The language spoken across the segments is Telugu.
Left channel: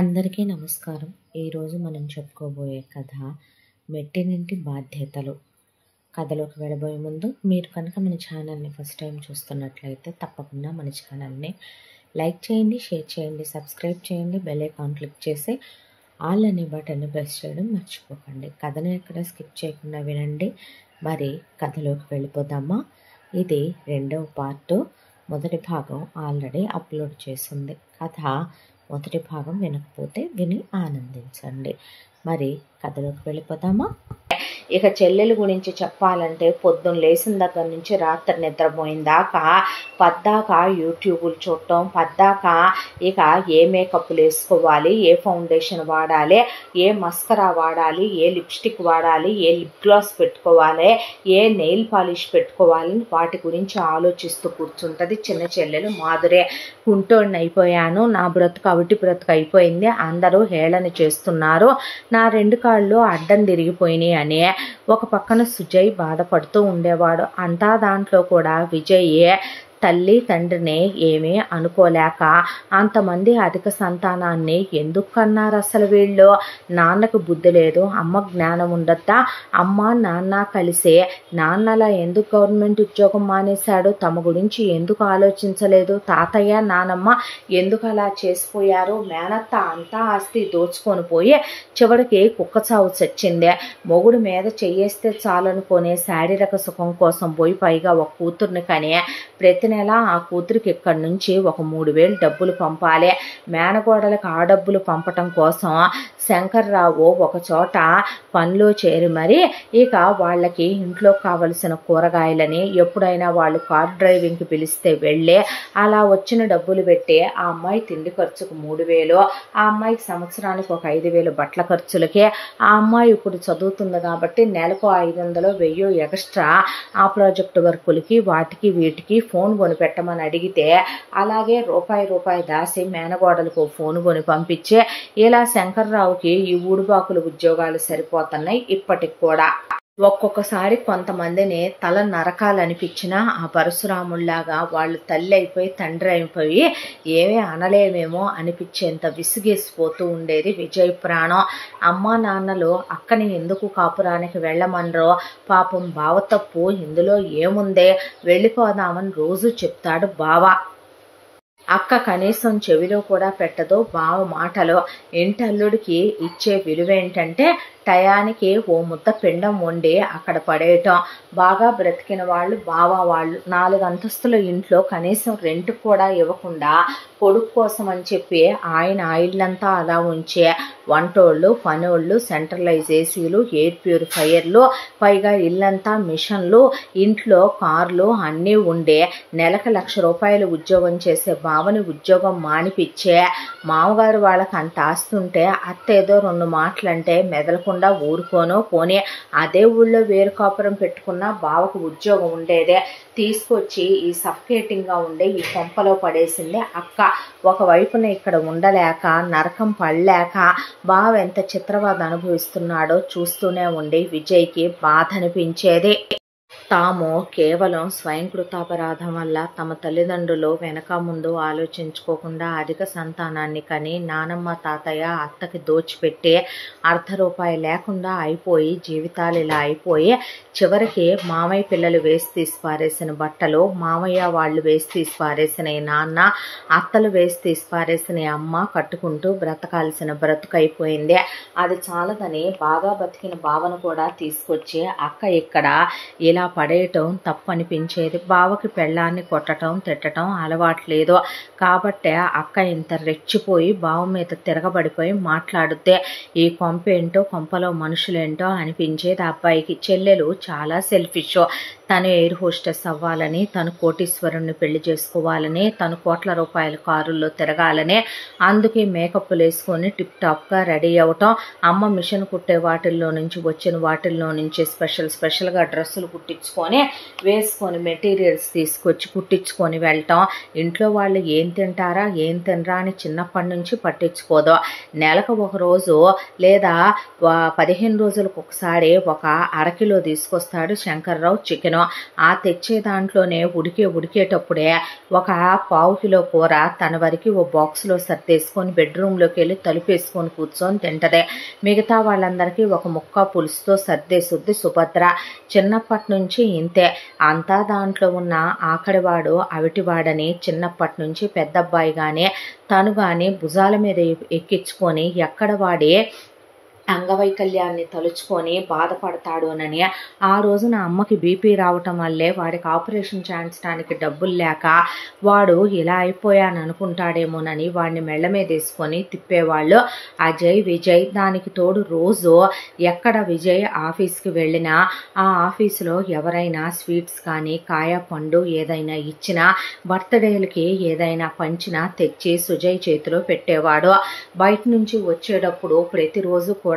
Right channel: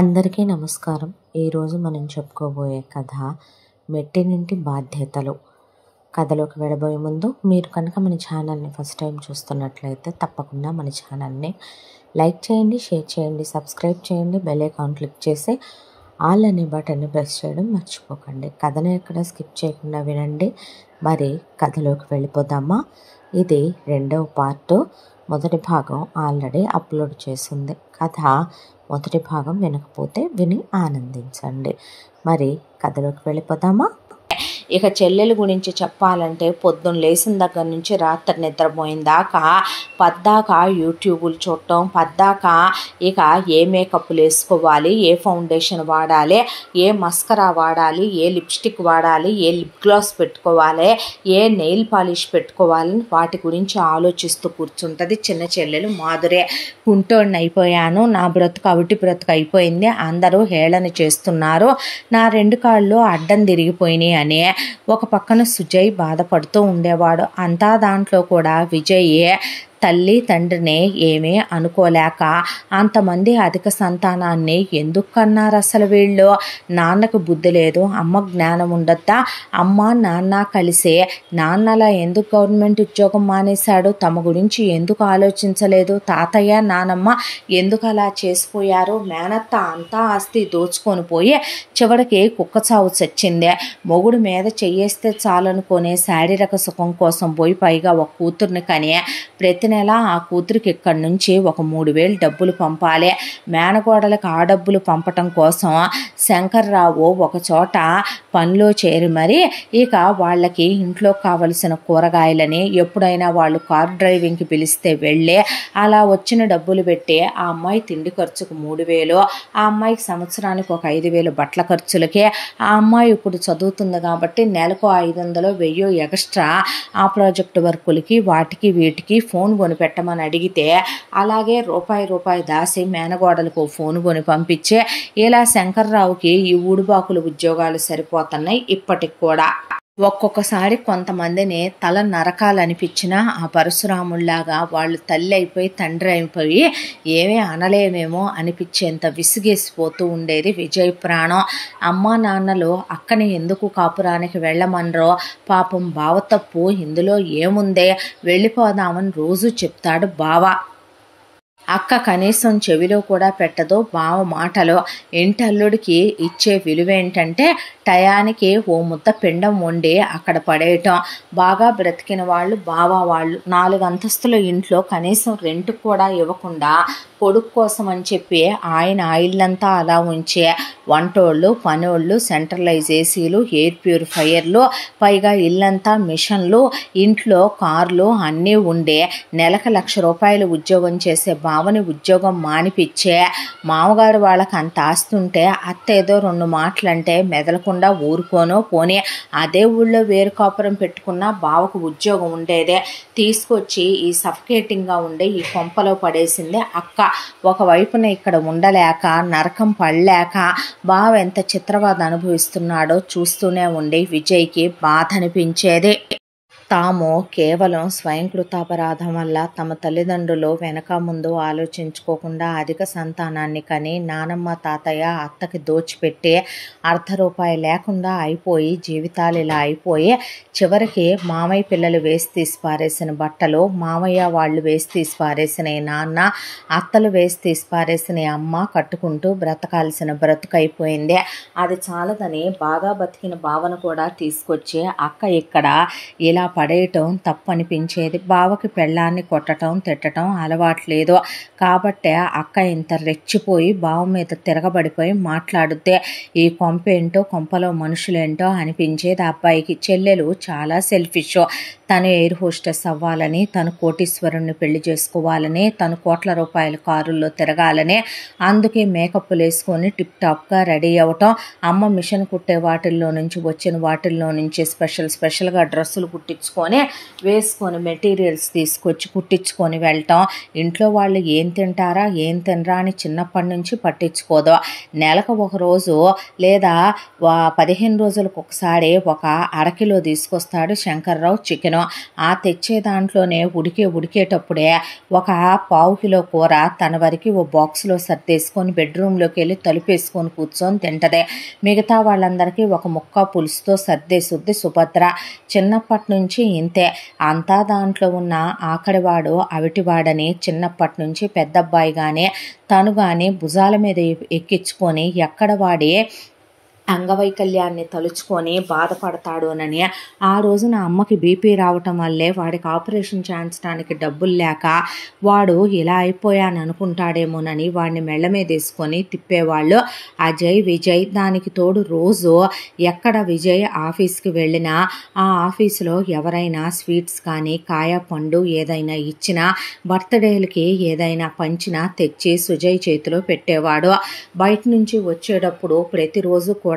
అందరికీ నమస్కారం. ఈరోజు మనం చెప్పుకోబోయే కథ మెట్టినింటి బాధ్యతలు. కథలోకి వెళ్ళబోయే ముందు మీరు కనుక మన ఛానల్ని ఫస్ట్ టైం చూస్తున్నట్లయితే తప్పకుండా మన ఛానల్ని లైక్ చేయండి, షేర్ చేయండి, సబ్స్క్రైబ్ చేయండి, బెల్ ఐకాన్ క్లిక్ చేసి ఆల్ అనే బటన్ని ప్రెస్ చేయడం మర్చిపోకండి. కథను ఎక్కడ స్కిప్ చేయకుండా వినండి. మరి కథలోకి వెళ్ళిపోదామా? ఇది రెండవ పార్ట్. మొదటి భాగం ఆల్రెడీ అప్లోడ్ చేసింది. కథ మొదటి భాగం వినకపోతే విని ఆనందించండి. మరి కథలోకి వెళ్ళిపోదామా? ఇక చెల్లెల గురించి చెప్పాలంటే పొద్దున్న లేచిన దగ్గర నుంచి రాత్రి నిద్రపోయిన దాకా పద్దాక యూట్యూబులు చూడటం, పద్దాక ఇక ఏ మేకప్లు వేసుకోవాలి, ఏ ఫౌండేషన్ వాడాలి, ఏ మస్కరా వాడాలి, ఏ లిప్స్టిక్ వాడాలి, ఏ లిప్ గ్లాస్ పెట్టుకోవాలి, ఏ నెయిల్ పాలిష్ పెట్టుకోవాలని వాటి గురించి ఆలోచిస్తూ కూర్చుంటుంది చిన్న చెల్లెలు మాధురే. కుంటోడిని అయిపోయాను, నా బ్రతుకు అవిటి బ్రతుకు అయిపోయింది, అందరూ హేళన చేస్తున్నారు, నా రెండు కాళ్ళు అడ్డం తిరిగిపోయినాయి అని ఒక పక్కన సుజయ్ బాధపడుతూ ఉండేవాడు. అంతా దాంట్లో కూడా విజయ్ తల్లి తండ్రిని ఏమీ అనుకోలేక అంతమంది అధిక సంతానాన్ని ఎందుకు కన్నారు అసలు వీళ్ళు? నాన్నకు బుద్ధి లేదు, అమ్మ జ్ఞానం ఉండద్దా? అమ్మ నాన్న కలిసే నాన్నలా ఎందుకు గవర్నమెంట్ ఉద్యోగం మానేశాడు? తమ గురించి ఎందుకు ఆలోచించలేదు? తాతయ్య నానమ్మ ఎందుకు అలా చేసిపోయారు? మేనత్త అంతా ఆస్తి దోచుకొని పోయి చివరికి కుక్క చావు చచ్చిందే. మొగుడు మీద చెయ్యేస్తే చాలనుకునే శారీరక సుఖం కోసం పోయి పైగా ఒక కూతుర్ని కని ప్రతి నెల ఆ కూతురికి ఇక్కడి నుంచి ఒక 3,000 డబ్బులు పంపాలి. మేనగోడలకు ఆ డబ్బులు పంపటం కోసం శంకర్రావు ఒక చోట పనిలో చేరి మరి ఇక వాళ్ళకి ఇంట్లో కావలసిన కూరగాయలని ఎప్పుడైనా వాళ్ళు కార్ డ్రైవింగ్కి పిలిస్తే వెళ్ళి అలా వచ్చిన డబ్బులు పెట్టి ఆ అమ్మాయి తిండి ఖర్చుకు 3,000, ఆ అమ్మాయికి సంవత్సరానికి ఒక 5,000 బట్టల ఖర్చులకి, ఆ అమ్మాయి ఇప్పుడు చదువుతుంది కాబట్టి నెలకు 500, 1000 ఎక్స్ట్రా ఆ ప్రాజెక్ట్ వర్కులకి వాటికి వీటికి ఫోన్ కొని పెట్టమని అడిగితే అలాగే రూపాయి దాసి మేనగోడలకు ఫోన్ కొని పంపించే ఇలా శంకర్రావుకి ఈ ఊడుబాకుల ఉద్యోగాలు సరిపోతున్నాయి ఇప్పటికి కూడా. ఒక్కొక్కసారి కొంతమందిని తల నరకాలనిపించినా ఆ పరశురాముళ్లాగా వాళ్ళు తల్లి అయిపోయి తండ్రి అయిపోయి ఏమీ అనలేమేమో అనిపించేంత విసిగేసిపోతూ ఉండేది విజయ్ ప్రాణం. అమ్మా నాన్నలు అక్కని ఎందుకు కాపురానికి వెళ్ళమనరో? పాపం బావ తప్పు ఇందులో ఏముందే, వెళ్ళిపోదామని రోజు చెప్తాడు బావ. అక్క కనీసం చెవిలో కూడా పెట్టదు బావ మాటలో. ఇంటల్లుడికి ఇచ్చే విలువ ఏంటంటే టయానికి ఓ ముద్ద పిండం వండి అక్కడ పడేయటం. బాగా బ్రతికిన వాళ్ళు బావ వాళ్ళు 4 అంతస్తుల ఇంట్లో కనీసం రెంట్ కూడా ఇవ్వకుండా కొడుకు కోసం అని చెప్పి ఆయన ఇల్లంతా అలా ఉంచే వంటోళ్ళు, పనోళ్ళు, సెంట్రలైజ్ ఏసీలు, ఎయిర్ ప్యూరిఫైయర్లు, పైగా ఇల్లంతా మిషన్లు, ఇంట్లో కార్లు అన్నీ ఉండే నెలకు 1,00,000 రూపాయలు ఉద్యోగం చేసే బావని ఉద్యోగం మానిపించే మామగారు వాళ్ళకి అంత ఆస్తుంటే అత్త ఏదో 2 మాటలంటే మెదలకుండా ఊరుకోనో పోనీ అదే ఊళ్ళో వేరు కాపురం పెట్టుకున్న బావకు ఉద్యోగం ఉండేదే. తీసుకొచ్చి ఈ సఫకేటింగ్గా ఉండే ఈ కొంపలో పడేసిందే అక్క. ఒకవైపున ఇక్కడ ఉండలేక నరకం పడలేక బావ ఎంత చిత్రవాద అనుభవిస్తున్నాడో చూస్తూనే ఉండి విజయ్కి బాధ అనిపించేది. తాము కేవలం స్వయంకృతాపరాధం వల్ల తమ తల్లిదండ్రులు వెనక ముందు ఆలోచించుకోకుండా అధిక సంతానాన్ని కని నానమ్మ తాతయ్య అత్తకి దోచిపెట్టి ₹1 లేకుండా అయిపోయి జీవితాలు ఇలా అయిపోయి చివరికి మామయ్య పిల్లలు వేసి తీసి పారేసిన బట్టలు, మామయ్య వాళ్ళు వేసి తీసి పారేసిన నాన్న, అత్తలు వేసి తీసి పారేసిన అమ్మ కట్టుకుంటూ బ్రతకాల్సిన బ్రతుకైపోయింది. అది చాలదని బాగా బతికిన బావను కూడా తీసుకొచ్చి అక్క ఇక్కడ ఇలా పడేయటం తప్పనిపించేది. బావకి పెళ్ళాన్ని కొట్టడం తిట్టడం అలవాట్లేదు కాబట్టే అక్క ఇంత రెచ్చిపోయి బావ మీద తిరగబడిపోయి మాట్లాడితే ఈ కొంపేంటో కొంపలో మనుషులేంటో అనిపించేది అబ్బాయికి. చెల్లెలు చాలా సెల్ఫిష్. తను ఎయిర్ హోస్టెస్ అవ్వాలని, తను కోటీశ్వరుణ్ణి పెళ్లి చేసుకోవాలని, తను ₹1,00,000 కారుల్లో తిరగాలని, అందుకే మేకప్లు వేసుకొని టిప్ టాప్గా రెడీ అవ్వటం, అమ్మ మిషన్ కుట్టే వాటిల్లో నుంచి వచ్చిన వాటిల్లో నుంచి స్పెషల్గా డ్రెస్సులు కుట్టించుకొని వేసుకొని మెటీరియల్స్ తీసుకొచ్చి కుట్టించుకొని వెళ్ళటం, ఇంట్లో వాళ్ళు ఏం తింటారా ఏం తినరా అని చిన్నప్పటి నుంచి పట్టించుకోదు. నెలకు ఒక రోజు లేదా 15 రోజులకు ఒకసారి ఒక 1/2 కిలో తీసుకొస్తాడు శంకర్రావు చికెను. కూరగాయలు ఆ తెచ్చే దాంట్లోనే ఉడికేటప్పుడే ఒక పావు కిలో కూర తన వరకు ఓ బాక్స్లో సర్దేసుకొని బెడ్రూమ్లోకి వెళ్ళి తలుపేసుకొని కూర్చొని తింటదే. మిగతా వాళ్ళందరికీ ఒక ముక్క పులుసుతో సర్దేసుద్ది సుభద్ర. చిన్నప్పటి నుంచి ఇంతే. అంతా దాంట్లో ఉన్న ఆకడివాడు అవిటివాడని చిన్నప్పటి నుంచి పెద్దబ్బాయి కానీ తను కానీ భుజాల మీద ఎక్కించుకొని ఎక్కడ వాడి అంగవైకల్యాన్ని తలుచుకొని బాధపడతాడోనని ఆ రోజున అమ్మకి బీపీ రావటం వల్లే వాడికి ఆపరేషన్ చేయించడానికి డబ్బులు లేక వాడు ఇలా అయిపోయాను అనుకుంటాడేమోనని వాడిని మెళ్ళ మీద వేసుకొని తిప్పేవాళ్ళు అజయ్ విజయ్. దానికి తోడు రోజు ఎక్కడ విజయ్ ఆఫీస్కి వెళ్ళినా ఆ ఆఫీసులో ఎవరైనా స్వీట్స్ కానీ కాయ పండు ఏదైనా ఇచ్చినా బర్త్డేలకి ఏదైనా పంచినా తెచ్చి సుజయ్ చేతిలో పెట్టేవాడు. బయట నుంచి వచ్చేటప్పుడు ప్రతిరోజు కూడా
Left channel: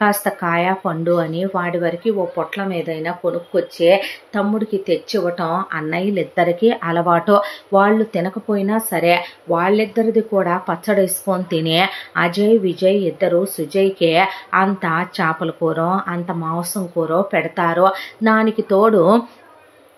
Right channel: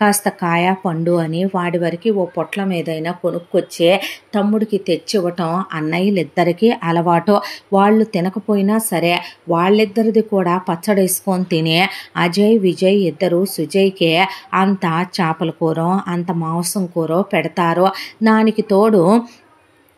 కాస్త కాయ పండు అని వాడి వరకు ఓ పొట్లం ఏదైనా కొనుక్కొచ్చే తమ్ముడికి తెచ్చివ్వటం అన్నయ్యలిద్దరికీ అలవాటు. వాళ్ళు తినకపోయినా సరే వాళ్ళిద్దరిది కూడా పచ్చడేసుకొని తినే అజయ్ విజయ్ ఇద్దరు సుజయ్కే అంత చేపల కూర అంత మాంసం కూర పెడతారు. దానికి తోడు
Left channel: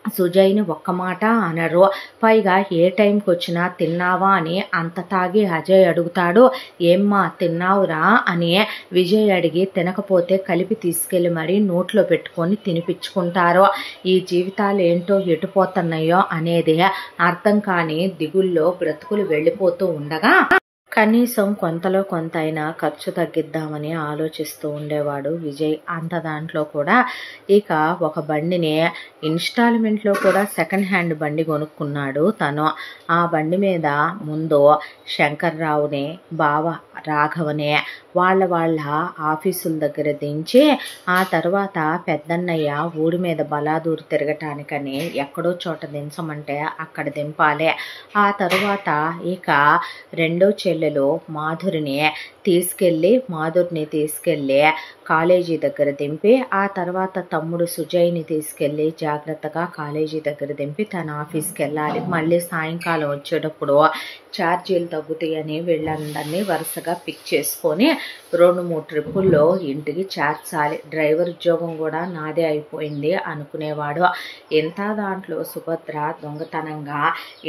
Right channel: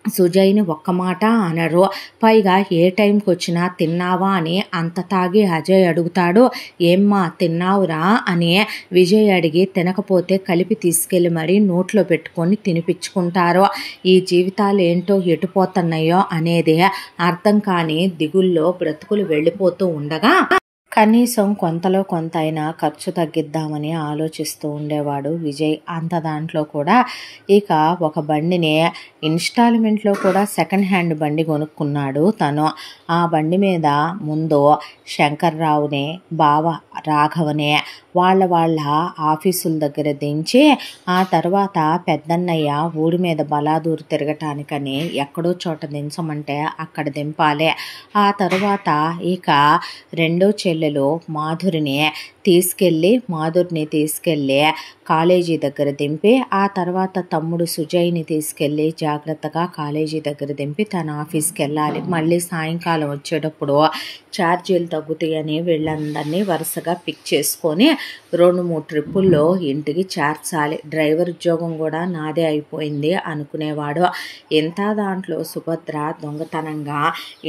సుజయ్ని ఒక్క మాట అనరు. పైగా ఏ టైంకి వచ్చినా తిన్నావా అని అంత తాగి అజయ్ అడుగుతాడు. ఏమ్మా తిన్నావురా అని విజయ్ అడిగి తినకపోతే కలిపి తీసుకెళ్ళి మరీ నోట్లో పెట్టుకొని తినిపించుకుంటారు. ఈ జీవితాలు ఏంటో ఎటుపోతున్నాయో అనేది అర్థం కాని దిగుల్లో బ్రతుకులు వెళ్ళిపోతూ ఉండగా కనీసం కొంతలో కొంత అయినా ఖర్చు తగ్గిద్దామని ఆలోచిస్తూ ఉండేవాడు విజయ్. అంత దాంట్లో కూడా ఇక ఒక బండిని ఇన్స్టాల్మెంట్లో కూడా సెకండ్ హ్యాండ్ బండి కొనుక్కున్నాడు తను. ఆ బండి మీద ముందు శంకర్రావుని బావ రాఘవనే వాళ్ళ ఆఫీసుల దగ్గర దించి ఆ తర్వాత పెద్దన్నయ్య ఊరి మీద బలాదూరు తిరగటానికని ఎక్కడో చోట దించమంటే అక్కడ దింపాలి. ఆ తర్వాత ఇక రెండో చెల్లెలు మాధురిని తీసుకెళ్ళి కాలేజీ దగ్గర దింపి ఆ తర్వాత తమ్ముడు సుజయ్ని తీసుకెళ్ళి జాగ్రత్తగా కాలేజీ దగ్గర దింపి తన ఆఫీస్కి వెళ్ళాలి. మళ్ళీ సాయంకాలం వచ్చేటప్పుడు ఛార్జీలు తగ్గుతాయని వీళ్ళందరినీ వరుసగా పిక్ చేసుకొని 2-3 ట్రిప్పుల్లో ఇంటికి చేర్చాలి. డ్రైవర్ ఉద్యోగం కూడా నాదే అయిపోయింది అనుకునేవాడు. ఎంత దాంట్లో సుభద్ర దొంగతనంగా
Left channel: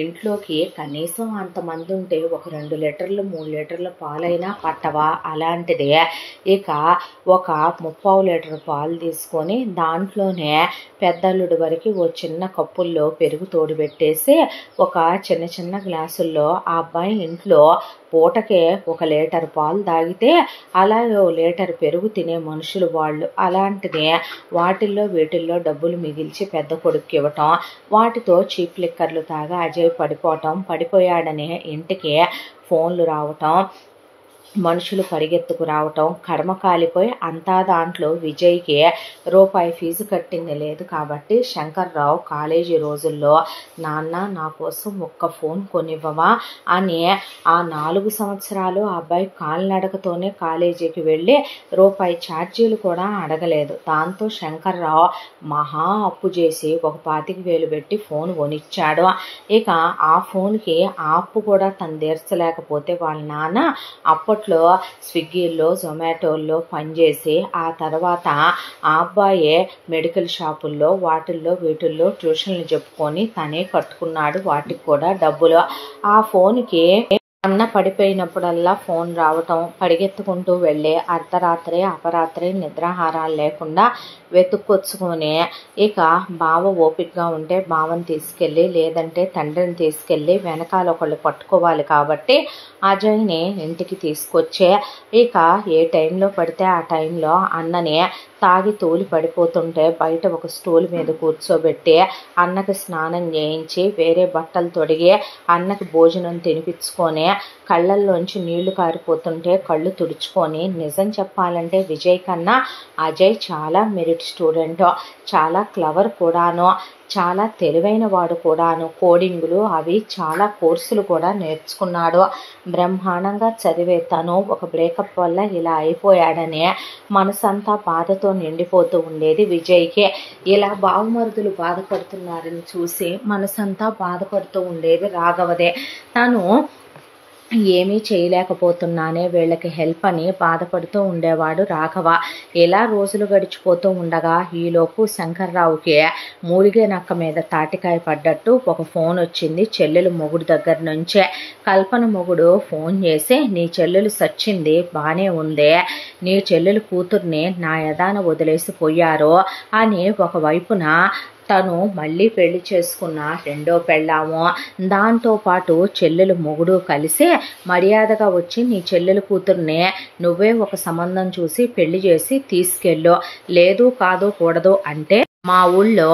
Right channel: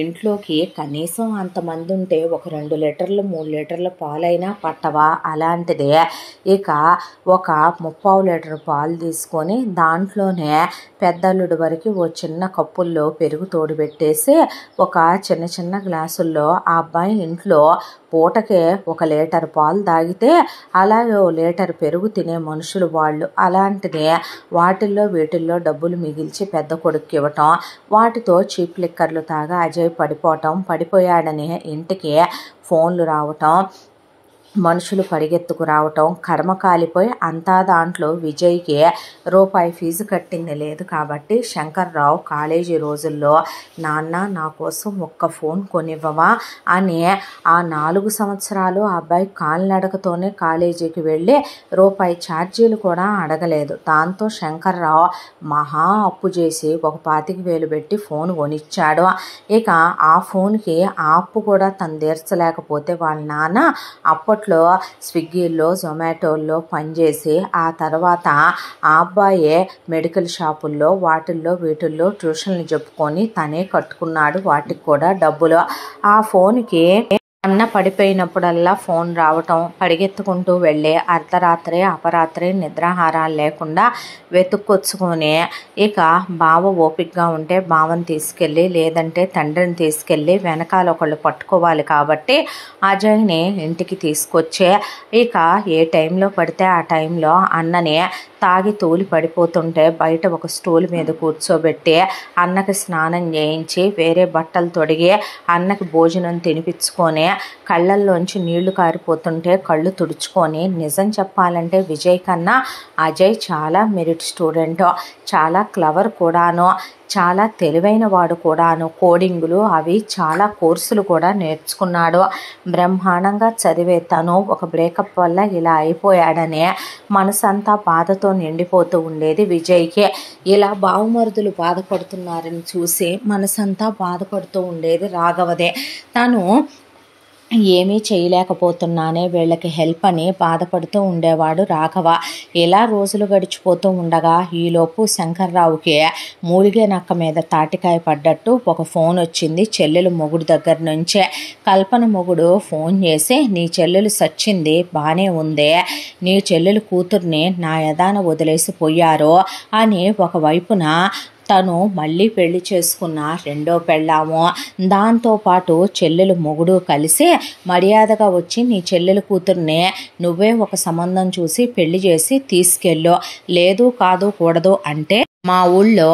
ఇంట్లోకి కనీసం అంతమంది ఉంటే ఒక 2 లీటర్లు 3 లీటర్ల పాలైనా పట్టవా అలాంటిదే ఇక ఒక 3/4 లీటర్ పాలు తీసుకొని దాంట్లోనే పెద్దల్లుడి వరకు ఓ చిన్న కప్పుల్లో పెరుగు తోడు పెట్టేసి ఒక చిన్న గ్లాసుల్లో ఆ అబ్బాయి ఇంట్లో పూటకే 1 లీటర్ పాలు తాగితే అలాగే 1 లీటర్ పెరుగు తినే మనుషులు వాళ్ళు. అలాంటిది వీటిల్లో డబ్బులు మిగిల్చి పెద్ద కొడుక్కి ఇవ్వటం, వాటితో చీప్ లిక్కర్లు తాగా అజయ్ పడిపోయాడని ఇంటికి ఫోన్లు రావటం, మనుషులు పరిగెత్తుకు రావటం, కర్మ కాలిపోయి అంతా దాంట్లో విజయ్కి రూపాయి ఫీజు కట్టింది లేదు. కాబట్టి శంకర్రావు కాలేజీ రోజుల్లో నాన్న నా కోసం ఒక్క ఫోన్ కొనివ్వవా అని ఆ 4 సంవత్సరాలు ఆ అబ్బాయి కాలినడకతోనే కాలేజీకి వెళ్ళి రూపాయి ఛార్జీలు కూడా అడగలేదు. దాంతో శంకర్రావు మహా అప్పు చేసి ఒక 25,000 పెట్టి ఫోన్ కొనిచ్చాడు. ఇక ఆ ఫోన్కి ఆ అప్పు కూడా తను తీర్చలేకపోతే వాళ్ళ నాన్న అప్పట్లో స్విగ్గీల్లో జొమాటోల్లో పనిచేసి ఆ తర్వాత ఆ అబ్బాయే మెడికల్ షాపుల్లో వీటిల్లో ట్యూషన్లు చెప్పుకొని తనే కట్టుకున్నాడు. వాటికి కూడా డబ్బులు. ఆ ఫోన్కి అన్న పడిపోయినప్పుడల్లా ఫోన్ రావటం, పరిగెత్తుకుంటూ వెళ్ళి అర్ధరాత్రి అపరాత్రి నిద్రాహారాలు లేకుండా వెతుక్కొచ్చుకొని ఇక బావ ఓపికగా ఉంటే బావని తీసుకెళ్ళి లేదంటే తండ్రిని తీసుకెళ్ళి వెనకాల ఒకళ్ళు పట్టుకోవాలి కాబట్టి అజయ్ని ఇంటికి తీసుకొచ్చే ఇక ఏ టైంలో పడితే ఆ టైంలో అన్నని తాగి తూలి పడిపోతుంటే బయట ఒక స్టూల్ మీద కూర్చోబెట్టి అన్నకి స్నానం చేయించి వేరే బట్టలు తొడిగి అన్నకి భోజనం తినిపించుకొని కళ్ళల్లోంచి నీళ్లు కారిపోతుంటే కళ్ళు తుడుచుకొని నిజం చెప్పాలంటే విజయ్ కన్నా అజయ్ చాలా మెరిట్ స్టూడెంట్, చాలా క్లవర్ కూడాను, చాలా తెలివైన వాడు కూడాను. కోడింగులు అవి చాలా కోర్సులు కూడా నేర్చుకున్నాడు. బ్రహ్మాండంగా చదివే తను ఒక బ్రేకప్ వల్ల ఇలా అయిపోయాడనే మనసంతా బాధతో నిండిపోతూ ఉండేది విజయ్కి. ఇలా బావమరుదులు బాధపడుతున్నారని చూసి మనసంతా బాధపడుతూ ఉండేది రాఘవదే. తను ఏమీ చేయలేకపోతున్నానే వీళ్ళకి హెల్ప్ అని బాధపడుతూ ఉండేవాడు రాఘవ. ఇలా రోజులు గడిచిపోతూ ఉండగా ఈలోపు శంకర్రావుకి మూలిగే నక్క మీద తాటికాయ పడ్డట్టు ఒక ఫోన్ వచ్చింది చెల్లెలు మొగుడు దగ్గర నుంచే. కల్పన మొగుడు ఫోన్ చేసి, నీ చెల్లెలు సచ్చింది, బాగానే ఉంది, నీ చెల్లెలు కూతుర్ని నా యదాన వదిలేసి పోయారు అని ఒకవైపున తను మళ్ళీ పెళ్లి చేసుకున్న రెండో పెళ్ళాము, దాంతోపాటు చెల్లెలు మొగుడు కలిసి మర్యాదగా వచ్చి నీ చెల్లెలు కూతుర్నే నువ్వే ఒక సంబంధం చూసి పెళ్లి చేసి తీసుకెళ్ళు, లేదు కాదు కూడదు అంటే మా ఊళ్ళో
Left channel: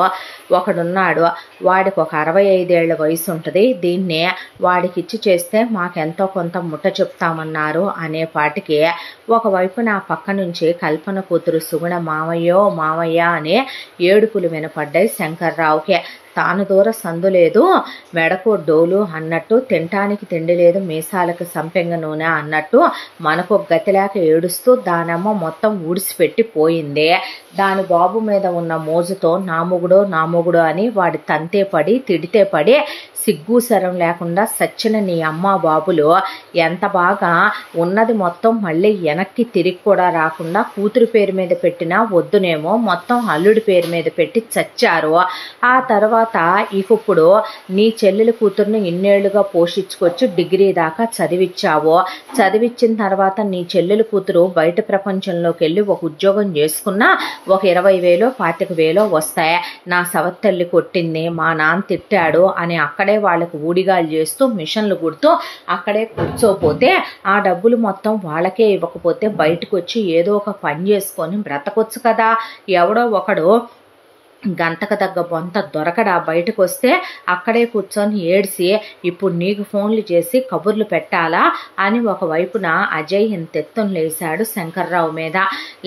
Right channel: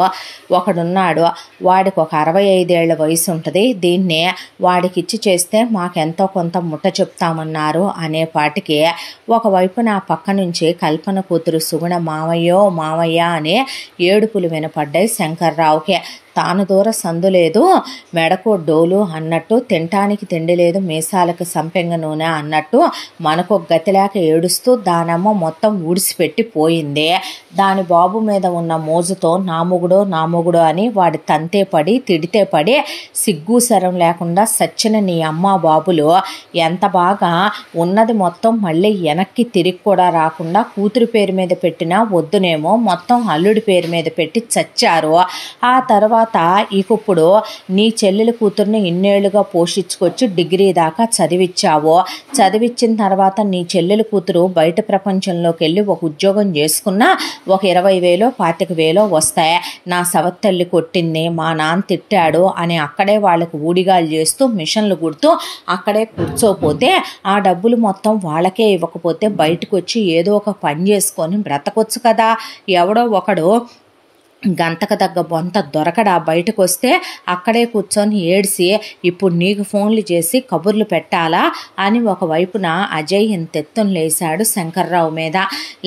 ఒకడున్నాడు, వాడికి ఒక 65 ఏళ్ల వయసు ఉంటుంది, దీన్ని వాడికిచ్చి చేస్తే మాకెంతో కొంత ముట్ట చెప్తామన్నారు అనేపాటికి ఒకవైపు నా పక్క నుంచి కల్పన కూతురు సుగుణ మావయ్యో మావయ్య అనే ఏడుపులు వినపడ్డాయి శంకర్రావుకి. తాను దూర సందు లేదు, మెడకు డోలు అన్నట్టు, తినటానికి తిండి లేదు, మీసాలకు సంపెంగ నూనె అన్నట్టు మనకు గతిలేక ఏడుస్తూ దానమ్మ మొత్తం ఊడిసిపెట్టి పోయింది. దాని బాబు మీద ఉన్న మోజుతో నా మొగుడు అని వాడి తంతే పడి తిడితే పడి సిగ్గు శరం లేకుండా సచ్చిన నీ అమ్మ బాబులు ఎంత బాగా ఉన్నది మొత్తం మళ్ళీ వెనక్కి తిరిగి కూడా రాకుండా కూతురి పేరు మీద పెట్టినా వద్దునేమో మొత్తం అల్లుడి పేరు మీద పెట్టి చచ్చారు. ఆ తర్వాత ఇప్పుడు నీ చెల్లెలి కూతుర్ని ఇన్నేళ్లుగా పోషించుకొచ్చి డిగ్రీ దాకా చదివించావు, చదివించిన తర్వాత నీ చెల్లెలి కూతురు బయట ప్రపంచంలోకి వెళ్ళి ఒక ఉద్యోగం చేసుకున్నా ఒక 20,000 25,000 వస్తాయి, నా సవత్తల్లి కొట్టింది, మా నాన్న తిట్టాడు అని అక్కడే వాళ్ళకి ఊడిగాలు చేస్తూ మిషన్లు కుడుతూ అక్కడే కూర్చోపోతే ఆ డబ్బులు మొత్తం వాళ్ళకే ఇవ్వకపోతే బయటకు వచ్చి ఏదో ఒక పని చేసుకొని బ్రతకొచ్చు కదా. ఎవడో ఒకడు గంతకు తగ్గ బొంత దొరకడా బయటకు వస్తే అక్కడే కూర్చొని ఏడ్చి ఇప్పుడు నీకు ఫోన్లు చేసి కబుర్లు పెట్టాలా అని ఒకవైపున అజయ్ ఇంతెత్తున లేచాడు శంకర్రావు మీద.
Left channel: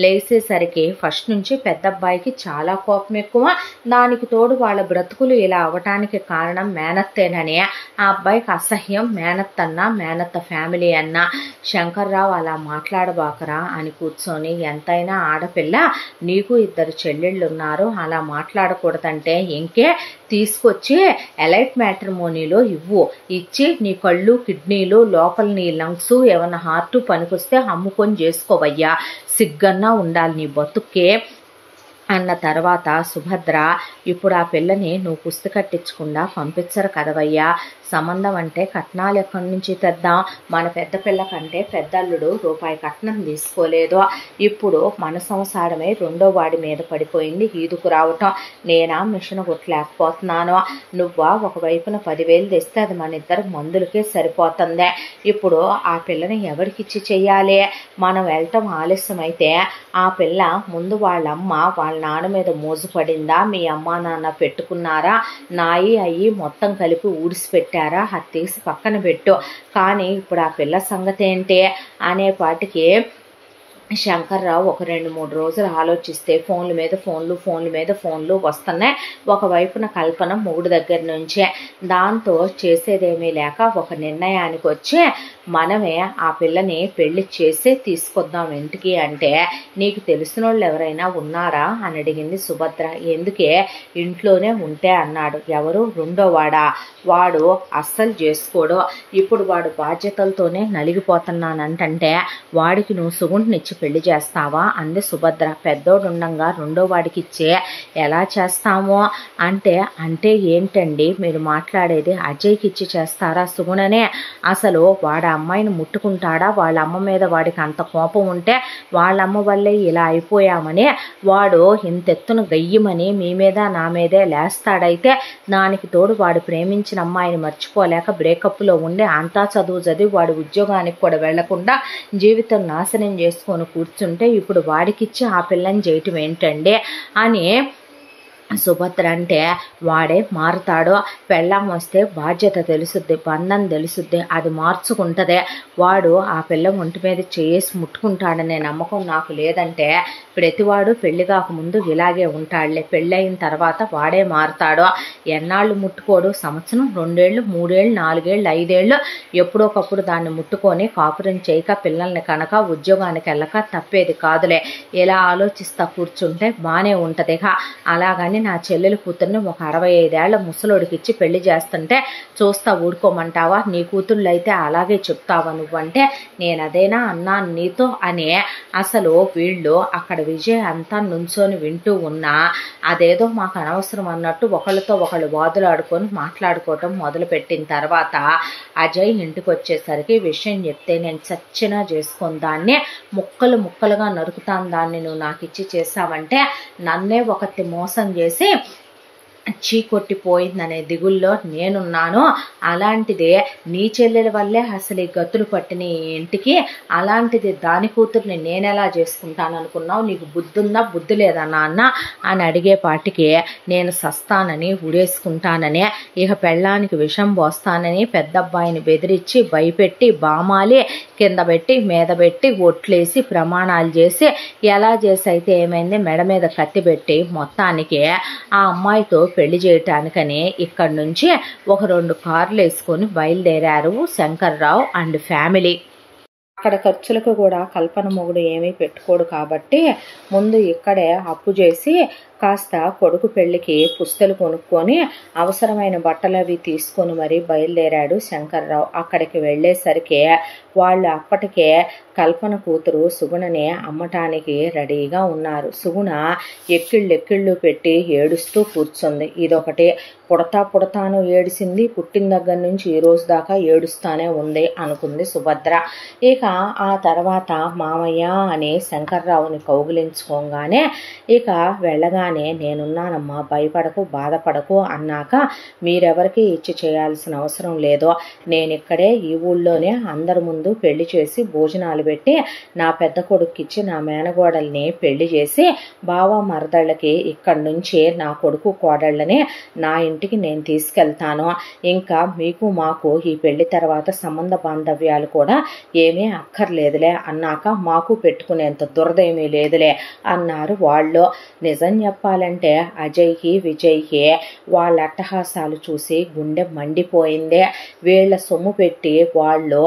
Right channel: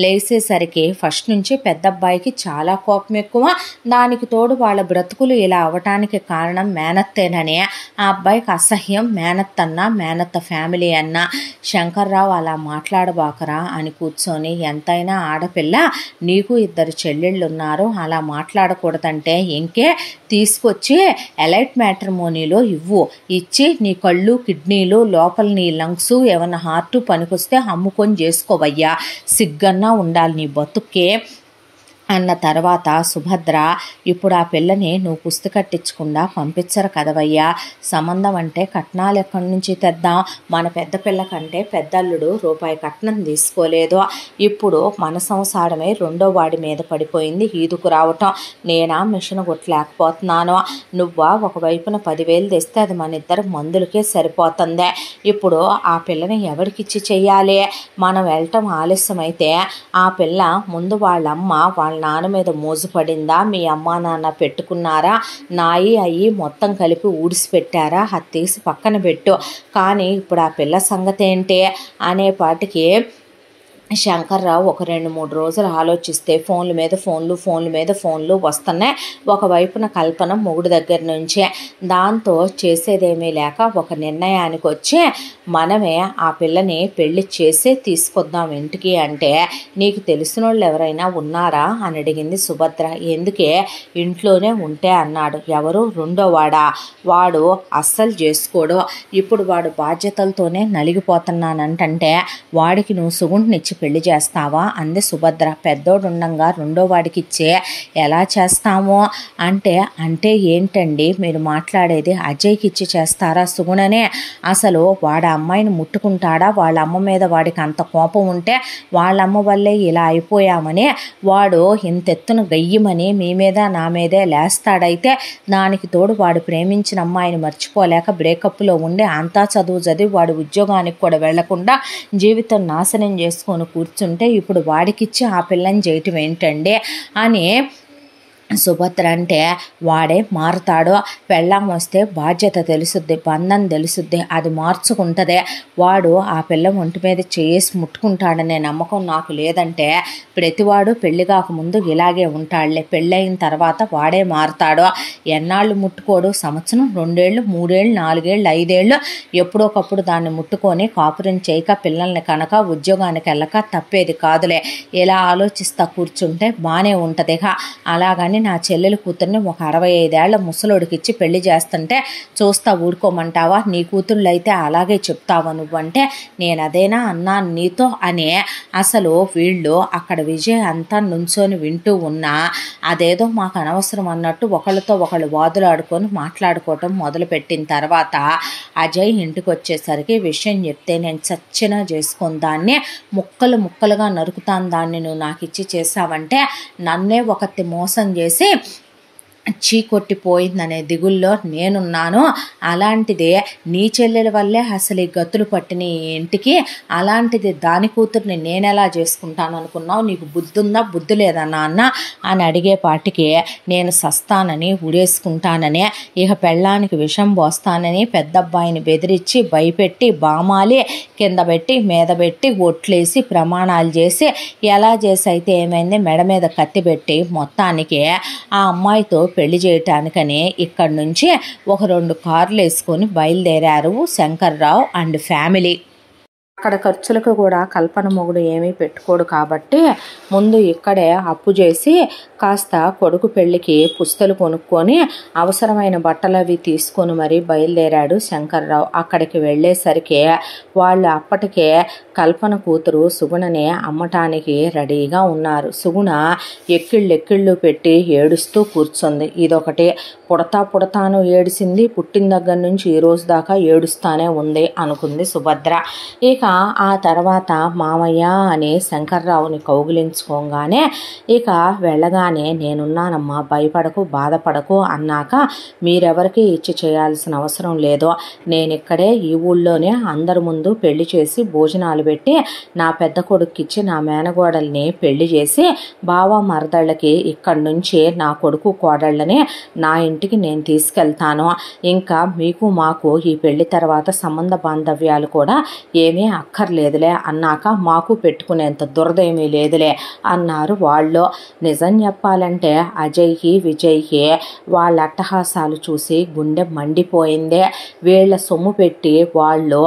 లేచేసరికి ఫస్ట్ నుంచి పెద్దబ్బాయికి చాలా కోపం ఎక్కువ, దానికి తోడు వాళ్ళ బ్రతుకులు ఇలా అవటానికి కారణం మేనత్తేనని ఆ అబ్బాయికి అసహ్యం. మేనత్తన్నా మేనత్త ఫ్యామిలీ అన్నా. శంకర్రావు అలా మాట్లాడబాకరా అని కూర్చొని, ఎంతైనా ఆడపిల్ల, నీకు 2 చెల్లెళ్ళు ఉన్నారు, అలా మాట్లాడకూడదంటే ఇంకే తీసుకొచ్చి ఎలైట్ మ్యాట్రిమోనీలో ఇచ్చి నీ కళ్ళు కిడ్నీలు లోపల నీ లంగ్స్ ఏమన్నా హార్ట్ పనికొస్తే అమ్ముకొని చేసుకోవయ్యా, సిగ్గన్నా ఉండాలి నీ బతుక్కే అన్న తర్వాత సుభద్ర, ఇప్పుడు ఆ పిల్లని నువ్వు పుస్తక కట్టించకుండా పంపించరు కదవయ్యా, సంబంధం అంటే కట్నాలు ఎక్కడి నుంచి తెద్దాం, మన పెద్ద పిల్ల కంటే పెద్దల్లుడు రూపాయి కట్నం తీసుకోలేదు, ఇప్పుడు మన సంసారమే రెండో వాడి మీద పడిపోయింది ఈదుకు రావటం, నేనా మిషన్ కొట్టలేకపోతున్నాను, నువ్వా ఒకవైపున 10,000 తెస్తే అది మన ఇద్దరు మందులకే సరిపోతుంది, ఇప్పుడు ఆ పిల్లని ఎవరికిచ్చి చెయ్యాలి, మనం వెళ్ళటం ఆలస్యమైతే ఆ పిల్ల ముందు వాళ్ళమ్మ వాళ్ళ నాన్న మీద మోజు పడిందా, మీ అమ్మా నాన్న పెట్టుకున్నారా, నాయి అయ్యి మొత్తం కలిపి ఊడిసిపెట్టారా, అది తీసి పక్కన పెట్టు, కానీ ఇప్పుడు ఆ పిల్ల సంగతి ఏంటి అనేపాటికి శంకర్రావు ఒక 2-3 రోజులు ఆలోచిస్తే ఫోన్ల మీద ఫోన్లు వస్తున్నాయి. ఒకవైపున కల్పన మొగుడు దగ్గర నుంచే. దాంతో చేసేదేమీ లేక ఒక నిర్ణయానికి వచ్చి, మనమే ఆ పిల్లని పెళ్లి చేసి తీసుకొద్దాం ఇంటికి అంటే, నీకు తెలిసిన వాళ్ళు ఎవరైనా ఉన్నారా అని అడిగింది సుభద్ర. ఎందుకే, ఇంట్లోనే ఉంటే అన్నాడు. ఎవరు? రెండోవాడా? వాడు అస్సలు చేసుకోడు, ఇప్పుడు వాడు బాధ్యతలతోనే నలిగిపోతున్నానంటే వాడికి నువ్వు సుగుంటినిచ్చి పెళ్లి చేస్తావా అంది సుభద్ర. పెద్దోడు ఉండంగా రెండో వాడికి ఇచ్చే ఎలా చేస్తామో అంటే ఏంటండి మీరు మాట్లాడేది, అజయ్కి ఇచ్చి చేస్తారా సుగుణనే, అసలు వాడు అమ్మాయిని ముట్టుకుంటాడా, వాళ్ళ అమ్మ మీద వాడికి అంత కోపం ఉంటే వాళ్ళమ్మ వల్లే ఇలా అయిపోయామని వాడు ఇంతెత్తున గయ్యమని మీ మీద నా మీదే లేస్తాడైతే, దానికి తోడు వాడు ప్రేమించిన అమ్మాయిని మర్చిపోలేక బ్రేకప్లో ఉండి అంతా చదువు చదివి వాడు ఉద్యోగానికి కూడా వెళ్లకుండా జీవితం నాశనం చేసుకొని కూర్చుంటే ఇప్పుడు వాడికిచ్చి ఆ పిల్లని చేయటం ఏంటండి అని సుభద్ర అంటే, వాడే మారుతాడో, పెళ్ళాం వస్తే బాధ్యత తెలుసుద్ది, బంధం తెలుసుద్ది, అది మార్చుకుంటుందే, వాడు ఆ పిల్ల ఒంటి మీద చేసి ముట్టుకుంటాడనే నమ్మకం నాకు లేదంటే ప్రతివాడు పెళ్లి కాకముందు ఇలాగే ఉంటాడులే, పెళ్ళయిన తర్వాత వాడే మారుతాడో, ఎన్నాళ్ళు ముట్టుకోడు, సంవత్సరం 2 ఏళ్ళు 3 ఏళ్ళు 4 ఏళ్ళు 5 ఏళ్ళు ఎప్పుడోకప్పుడు దాన్ని ముట్టుకొని కాపురం చేయక పిల్లల్ని కనుక ఉద్యోగానికి వెళ్ళక తప్పేది కాదులే, ఇలా ఆలోచిస్తా కూర్చుంటే బాగానే ఉంటుంది. అలాగని అమ్మాయిని నా చెల్లెలు కూతుర్ని ఒక 65 ఏళ్ల ముసలోడికిచ్చి పెళ్లి చేస్తుంటే చూస్తా ఊడుకోమంటావా? నీ కూతుళ్ళు అయితే అలాగే చెప్తావా నువ్వంటే నేను అదేనా అన్నాను నీతో అనే అసలు వీళ్ళు అక్కడ విజయ్ అంతా నుంచొని వింటూ ఉన్నా అదేదో మాకు అనవసరం అన్నట్టు ఒకళ్ళతో ఒకళ్ళు వాదులాడుకొని మాట్లాడుకోవటం మొదలుపెట్టిన తర్వాత అజయ్ ఇంటికి వచ్చేసరికి విషయం చెప్తే నేను చచ్చినా చేసుకొని దాన్ని ముక్కలు ముక్కలుగా నరుకుతాను, దాన్ని నువ్వు నాకు ఇచ్చి చేసావంటే నన్నే ఒకటి మోసం చేసి చీకొట్టిపోయిందనే దిగుల్లో నేనున్నాను. అలాంటిదే నీ చెల్లెల వల్లే అసలు ఈ గతులు పట్టిన ఇంటికి, అలాంటిది దాని కూతుర్ని నేనెలా చేసుకుంటాను అనుకున్నావు? నీకు బుద్ధి ఉందా బుద్ధి లేదా నాన్న అని అడిగేపాటికి నేను సస్తానని ఉడేసుకుంటానని ఇక పెళ్ళానికి విషం పోస్తానని పెద్దబ్బాయిని బెదిరించి భయపెట్టి బామాలి కింద పెట్టి మీద పెట్టి ఒట్లేసి ప్రమాణాలు చేసి ఎలా చేసి అయితే ఏమైంది మెడ మీద కత్తి పెట్టి మొత్తానికి ఆ అమ్మాయితో పెళ్లి చేయటానికని ఇక్కడి నుంచి ఒక 2 కార్లు వేసుకొని బయలుదేరారు శంకర్రావు అండ్ ఫ్యామిలీ. అక్కడ ఖర్చులకు కూడా కల్పన మొగుడు ఏమీ పెట్టుకోడు కాబట్టి ముందు ఇక్కడే అప్పు చేసి కాస్త కొడుకు పెళ్ళికి పుస్తలు కొనుక్కొని అవసరమైన బట్టలు అవి తీసుకొని మరీ బయలుదేరాడు శంకర్రావు. అక్కడికి వెళ్ళేసరికి వాళ్ళు అప్పటికే కల్పన కూతురు సుగుణని అమ్మటానికి రెడీగా ఉన్నారు. సుగుణ ఎక్కిళ్ళు పెట్టి ఏడుస్తూ కూర్చుంది. ఇదొకటి పుడతాను ఏడిసింది, పుట్టిన దగ్గర నుంచి ఈ రోజు దాకా ఏడుస్తానే ఉంది అనుకుంది సుభద్ర. ఇక ఆ తర్వాత మామయ్య అని శంకర్రావుని కౌగిలించుకోగానే ఇక వెళ్ళగానే నేనున్నానమ్మా భయపడకు బాధపడకు అన్నాక మీరెవరికి ఇచ్చి చేయాల్సిన అవసరం లేదు, నేను ఇక్కడే ఈ ఊళ్ళోనే అందరి ముందు పెళ్లి చేసి భోజనాలు పెట్టి నా పెద్ద కొడుక్కిచ్చి నా మేనగోడల్ని పెళ్లి చేసి బావ మరదళ్ళకి ఇక్కడి నుంచి నా కొడుకు కోడళ్ళని నా ఇంటికి నేను తీసుకెళ్తాను. ఇంకా మీకు మాకు ఈ పెళ్లి తర్వాత సంబంధ బాంధవ్యాలు కూడా ఏమీ అక్కర్లేదులే అన్నాక మాకు పెట్టుకునేంత దురదేమీ లేదులే అన్నారు వాళ్ళు. నిజం చెప్పాలంటే అజయ్కి విజయ్కి వాళ్ళ అట్టహాసాలు చూసి గుండె మండిపోయిందే. వీళ్ళ సొమ్ము పెట్టి వాళ్ళు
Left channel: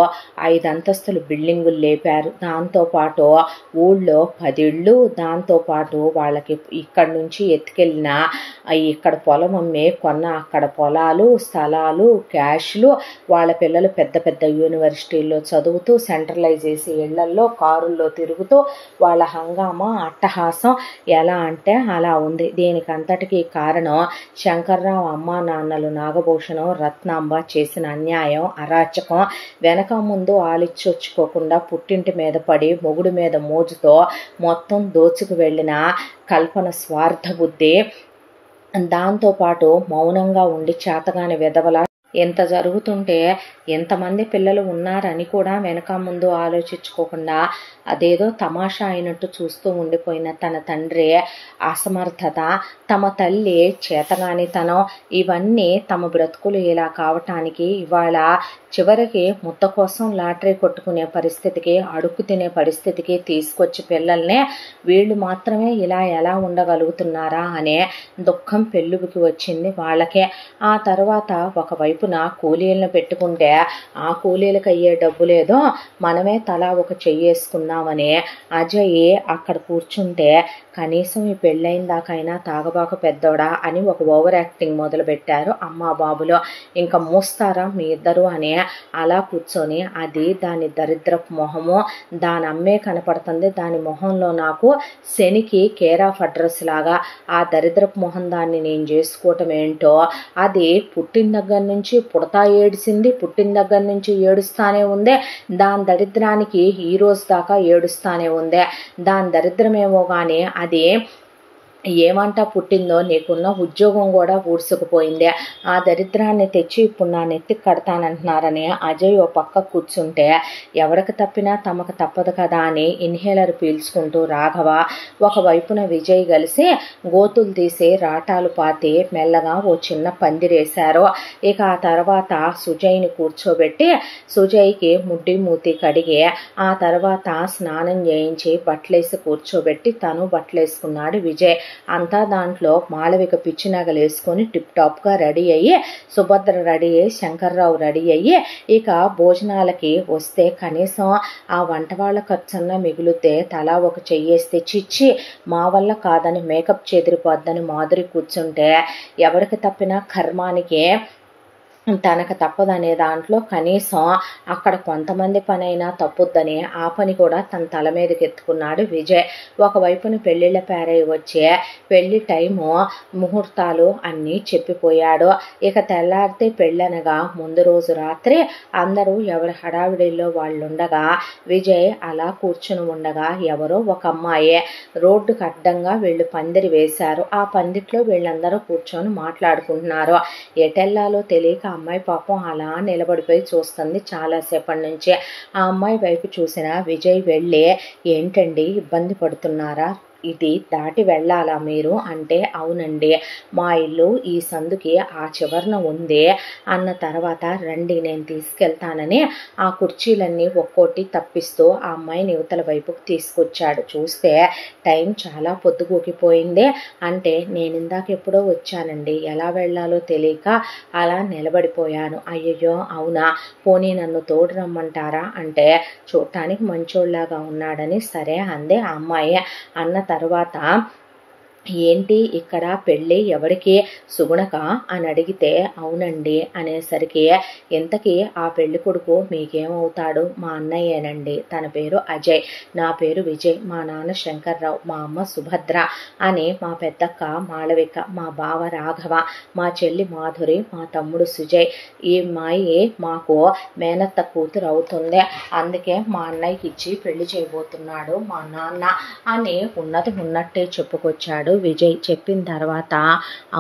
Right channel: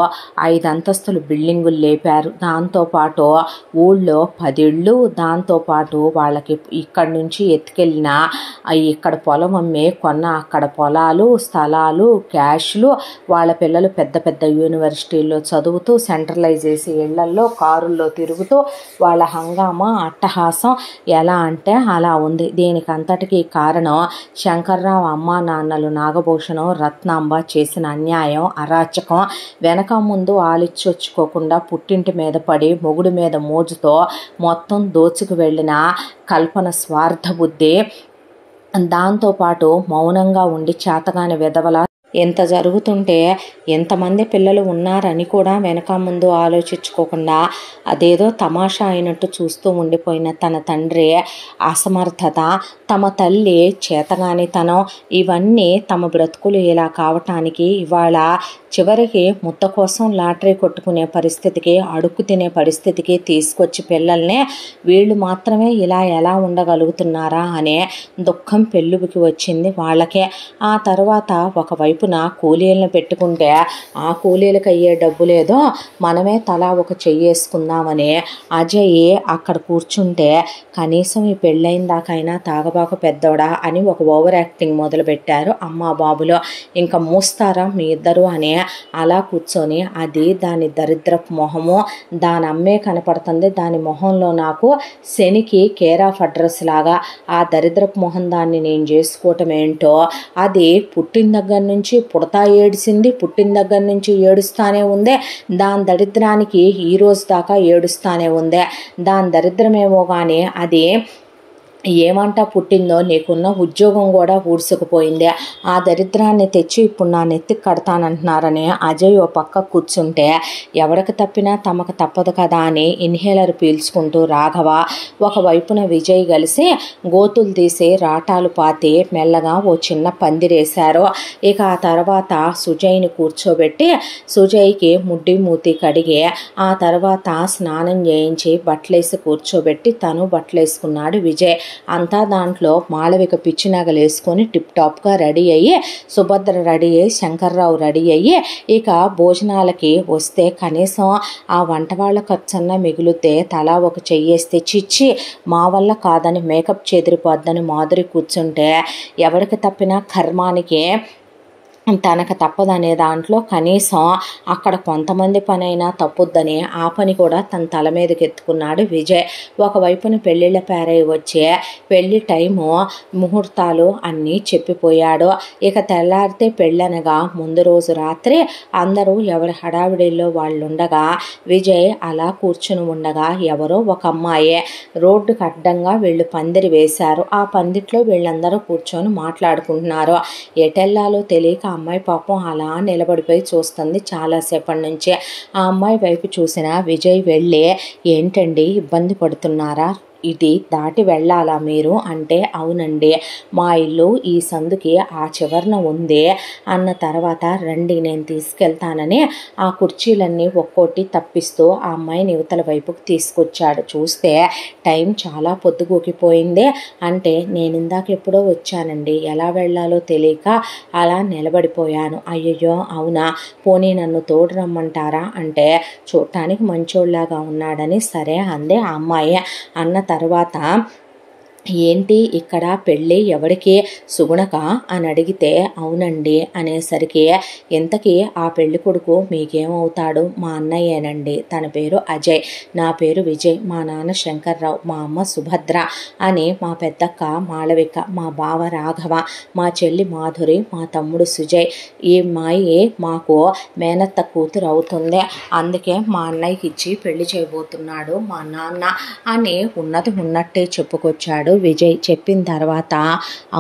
5 అంతస్తులు బిల్డింగులు లేపారు, దాంతోపాటు ఊళ్ళో 10 ఇళ్ళు, దాంతోపాటు వాళ్ళకి ఇక్కడి నుంచి ఎత్తుకెళ్ళిన ఇక్కడ పొలం అమ్మే కొన్న అక్కడ పొలాలు స్థలాలు క్యాష్లు, వాళ్ళ పిల్లలు పెద్ద పెద్ద యూనివర్సిటీల్లో చదువుతూ సెంట్రలైజ్ చేసి ఇళ్లల్లో కారుల్లో తిరుగుతూ వాళ్ళ హంగామా అట్టహాసం ఎలా అంటే అలా ఉంది. దీనికి అంతటికీ కారణం శంకర్రావు అమ్మా నాన్నలు నాగభూషణం రత్నాంబ చేసిన అన్యాయం అరాచకం. వెనక ముందు ఆలిచ్చొచ్చుకోకుండా పుట్టింటి మీద పడి మొగుడు మీద మోజుతో మొత్తం దోచుకు వెళ్ళిన కల్పన స్వార్థ బుద్ధి, దాంతోపాటు మౌనంగా ఉండి చేతగాని వెధవల ఎంత జరుగుతుంటే ఎంతమంది పిల్లలు ఉన్నారని కూడా వెనక ముందు ఆలోచించుకోకుండా అదేదో తమాషా అయినట్టు చూస్తూ ఉండిపోయిన తన తండ్రి అసమర్థత, తమ తల్లి చేతగానితనం, ఇవన్నీ తమ బ్రతుకులు ఇలా కావటానికి ఇవాళ చివరికి ముద్ద కోసం లాటరీ కొట్టుకునే పరిస్థితికి అడుక్కు తినే పరిస్థితికి తీసుకొచ్చి పిల్లల్ని వీళ్ళు మాత్రమే ఇలా ఎలా ఉండగలుగుతున్నారా అనే దుఃఖం పెళ్ళుబికి వచ్చింది వాళ్ళకే. ఆ తర్వాత ఒకవైపున కూలీలను పెట్టుకుంటే ఆ కూలీలకు అయ్యే డబ్బు లేదో మనమే తలా ఒక చెయ్యేసుకుందామని అజయ్ అక్కడ కూర్చుంటే కనీసం ఈ పెళ్ళైన దాకైనా తాగబాక పెద్దోడా అని ఒక ఓవర్ యాక్టింగ్ మొదలుపెట్టారు అమ్మా బాబులో. ఇంకా మూస్తారా మీ ఇద్దరు అని అలా కూర్చొని అది దాని దరిద్రపు మొహము, దాని అమ్మే కనపడుతుంది. దాని మొహంలో నాకు శనికి కేర్ ఆఫ్ అడ్రస్ లాగా ఆ దరిద్రపు మొహం దాన్ని నేను చేసుకోవటం ఏంటో. అది పుట్టిన దగ్గర నుంచి పుడతా ఏడిసింది, పుట్టిన దగ్గర నుంచి ఏడుస్తానే ఉందే, దాని దరిద్రానికి ఈ రోజు దాకా ఏడుస్తానే ఉందే. దాని దరిద్రమేమో కానీ అది ఏమంట పుట్టిందో నీకున్న ఉద్యోగం కూడా ఊడ్చుకుపోయిందే. ఆ దరిద్రాన్ని తెచ్చి ఇప్పుడు నా నెత్తికి కడతానంటున్నారని అజయ్ ఓ పక్క కూర్చుంటే ఎవరికి తప్పినా తమకు తప్పదు కదా అని ఇన్హేలర్ పీల్చుకుంటూ రాఘవ ఒకవైపున విజయ్ కలిసి గోతులు తీసి రాటాలు పాతి మెల్లగా ఓ చిన్న పందిరేశారు. ఇక ఆ తర్వాత సుజయ్ని కూర్చోబెట్టి సుజయ్కి ముడ్డి మూతి కడిగి ఆ తర్వాత స్నానం చేయించి బట్టలేసి కూర్చోబెట్టి తను బట్టలేసుకున్నాడు విజయ్. అంతా దాంట్లో మాళవిక పిచ్చి నగలు వేసుకొని టిప్ టాప్గా రెడీ అయ్యి, సుభద్ర రెడీ అయ్యి, శంకర్రావు రెడీ అయ్యి ఇక భోజనాలకి వస్తే కనీసం ఆ వంట వాళ్ళ ఖర్చన్నా మిగిలితే తలా ఒక చెయ్యేస్తే చిచ్చి మా వల్ల కాదని మేకప్ చెదిరిపోద్దని మాధురి కూర్చుంటే ఎవరికి తప్పినా కర్మానికి తనకు తప్పదనే దాంట్లో కనీసం అక్కడ కొంతమంది పని అయినా తప్పుద్దని ఆ పని కూడా తన తల మీదకి ఎత్తుకున్నాడు విజయ్. ఒకవైపున పెళ్ళిళ్ళ పేరై వచ్చే పెళ్లి టైము ముహూర్తాలు అన్నీ చెప్పిపోయాడు. ఇక తెల్లారితే పెళ్ళనగా ముందు రోజు రాత్రి అందరూ ఎవరి హడావిడిలో వాళ్ళు ఉండగా విజయ్ అలా కూర్చుని ఉండగా ఎవరో ఒక అమ్మాయి రోడ్డుకు అడ్డంగా వీళ్ళు పందిరి వేశారు. ఆ పందిట్లో వీళ్ళందరూ కూర్చొని మాట్లాడుకుంటున్నారు. ఎటెల్లాలో తెలియక అమ్మాయి పాపం అలా నిలబడిపోయి చూస్తుంది చాలాసేపటి నుంచి. ఆ అమ్మాయి వైపు చూసిన విజయ్ వెళ్ళి, ఏంటండి ఇబ్బంది పడుతున్నారా, ఇది దాటి వెళ్ళాలా మీరు అంటే, అవునండి మా ఇల్లు ఈ సందుకి ఆ చివరన ఉంది అన్న తర్వాత, రండి నేను తీసుకెళ్తానని ఆ కుర్చీలన్నీ ఒక్కోటి తప్పిస్తూ ఆ అమ్మాయిని యువతల వైపుకు తీసుకొచ్చాడు. చూస్తే టైం చాలా పొద్దుగూకిపోయింది. అంటే నేను ఇందాక ఎప్పుడో వచ్చానండి, ఎలా వెళ్ళాలో తెలియక అలా నిలబడిపోయాను. అయ్యయ్యో అవునా, పోనీ నన్ను తోడు రమ్మంటారా అంటే, చూడటానికి మంచోళ్ళలాగా ఉన్నాడని సరే అందే ఆ అమ్మాయి. అన్న తర్వాత, ఏంటి ఇక్కడ పెళ్ళి ఎవరికి, సుగుణక అని అడిగితే, అవునండి అనేసరికి, ఇంతకీ ఆ పెళ్లి కొడుకు మీకేమవుతాడు, మా అన్నయ్యేనండి, తన పేరు అజయ్, నా పేరు విజయ్, మా నాన్న శంకర్రావు, మా అమ్మ సుభద్ర అని మా పెద్దక్క మాళవిక, మా బావ రాఘవ, మా చెల్లి మాధురి, మా తమ్ముడు సుజయ్. ఈ అమ్మాయి మాకు మేనత్త కూతురు అవుతుంది, అందుకే మా అన్నయ్యకి ఇచ్చి పెళ్లి చేయబోతున్నాడు మా నాన్న అని ఉన్నది ఉన్నట్టే చెప్పుకొచ్చాడు విజయ్. చెప్పిన తర్వాత,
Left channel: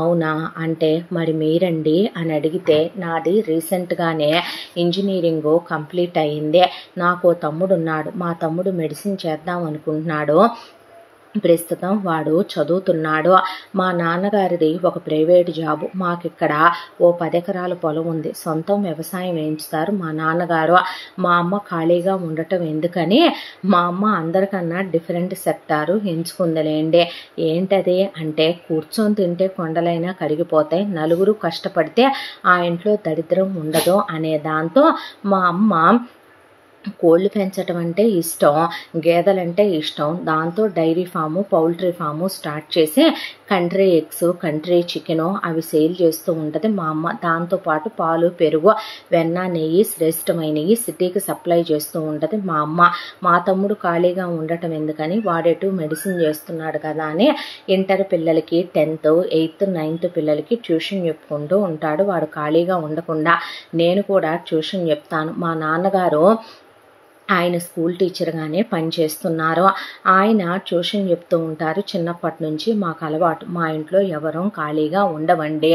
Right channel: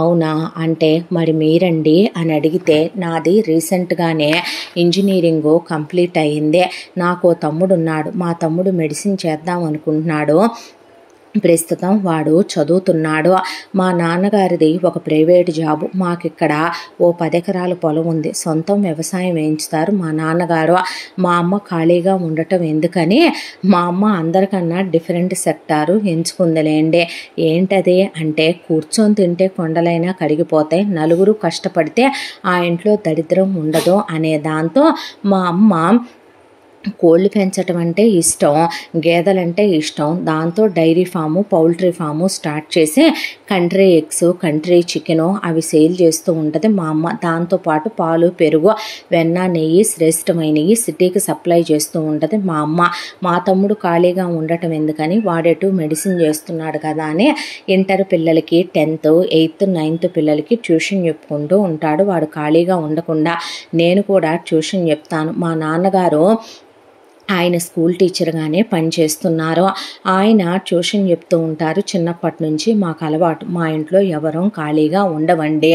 అవునా అంటే మరి మీరండి అని అడిగితే, నాది రీసెంట్గానే ఇంజనీరింగ్ కంప్లీట్ అయ్యింది, నాకు తమ్ముడు ఉన్నాడు, మా తమ్ముడు మెడిసిన్ చేద్దాం అనుకుంటున్నాడు, ప్రస్తుతం వాడు చదువుతున్నాడు, మా నాన్నగారిది ఒక ప్రైవేట్ జాబు, మాకిక్కడ ఓ 10 ఎకరాల పొలం ఉంది, సొంతం వ్యవసాయం వేయించుతారు మా నాన్నగారు, మా అమ్మ ఖాళీగా ఉండటం ఎందుకని మా అమ్మ అందరికన్నా డిఫరెంట్ సెక్టారు ఎంచుకుందిలేండి. ఏంటది అంటే, కూర్చొని తింటే కొండలైనా కరిగిపోతాయి, నలుగురు కష్టపడితే ఆ ఇంట్లో దరిద్రం ఉండదు అనే దాంతో మా అమ్మ కోళ్ళు పెంచడం అంటే ఇష్టం, గేదెలంటే ఇష్టం, దాంతో dairy farm poultry farm start చేసి కంట్రీ ఎగ్స్ కంట్రీ చికెను అవి సేల్ చేస్తూ ఉంటుంది మా అమ్మ. దాంతోపాటు పాలు పెరుగు వెన్న నెయ్యి శ్రేష్టమైనవి సిటీకి సప్లై చేస్తూ ఉంటుంది మా అమ్మ. మా తమ్ముడు ఖాళీగా ఉండటం ఎందుకని వాడేటు మెడిసిన్ చేస్తున్నాడు కదా అని ఇంటర్ పిల్లలకి 10th 8th 9th పిల్లలకి ట్యూషన్ చెప్పుకుంటూ ఉంటాడు. వాడు ఖాళీగా ఉండకుండా నేను కూడా ట్యూషన్ చెప్తాను. మా నాన్నగారు ఆయన స్కూల్ టీచర్గానే పనిచేస్తున్నారు. ఆయన ట్యూషన్ చెప్తూ ఉంటారు. చిన్నప్పటి నుంచి మాకు అలవాటు, మా ఇంట్లో ఎవరూ ఖాళీగా ఉండవండి.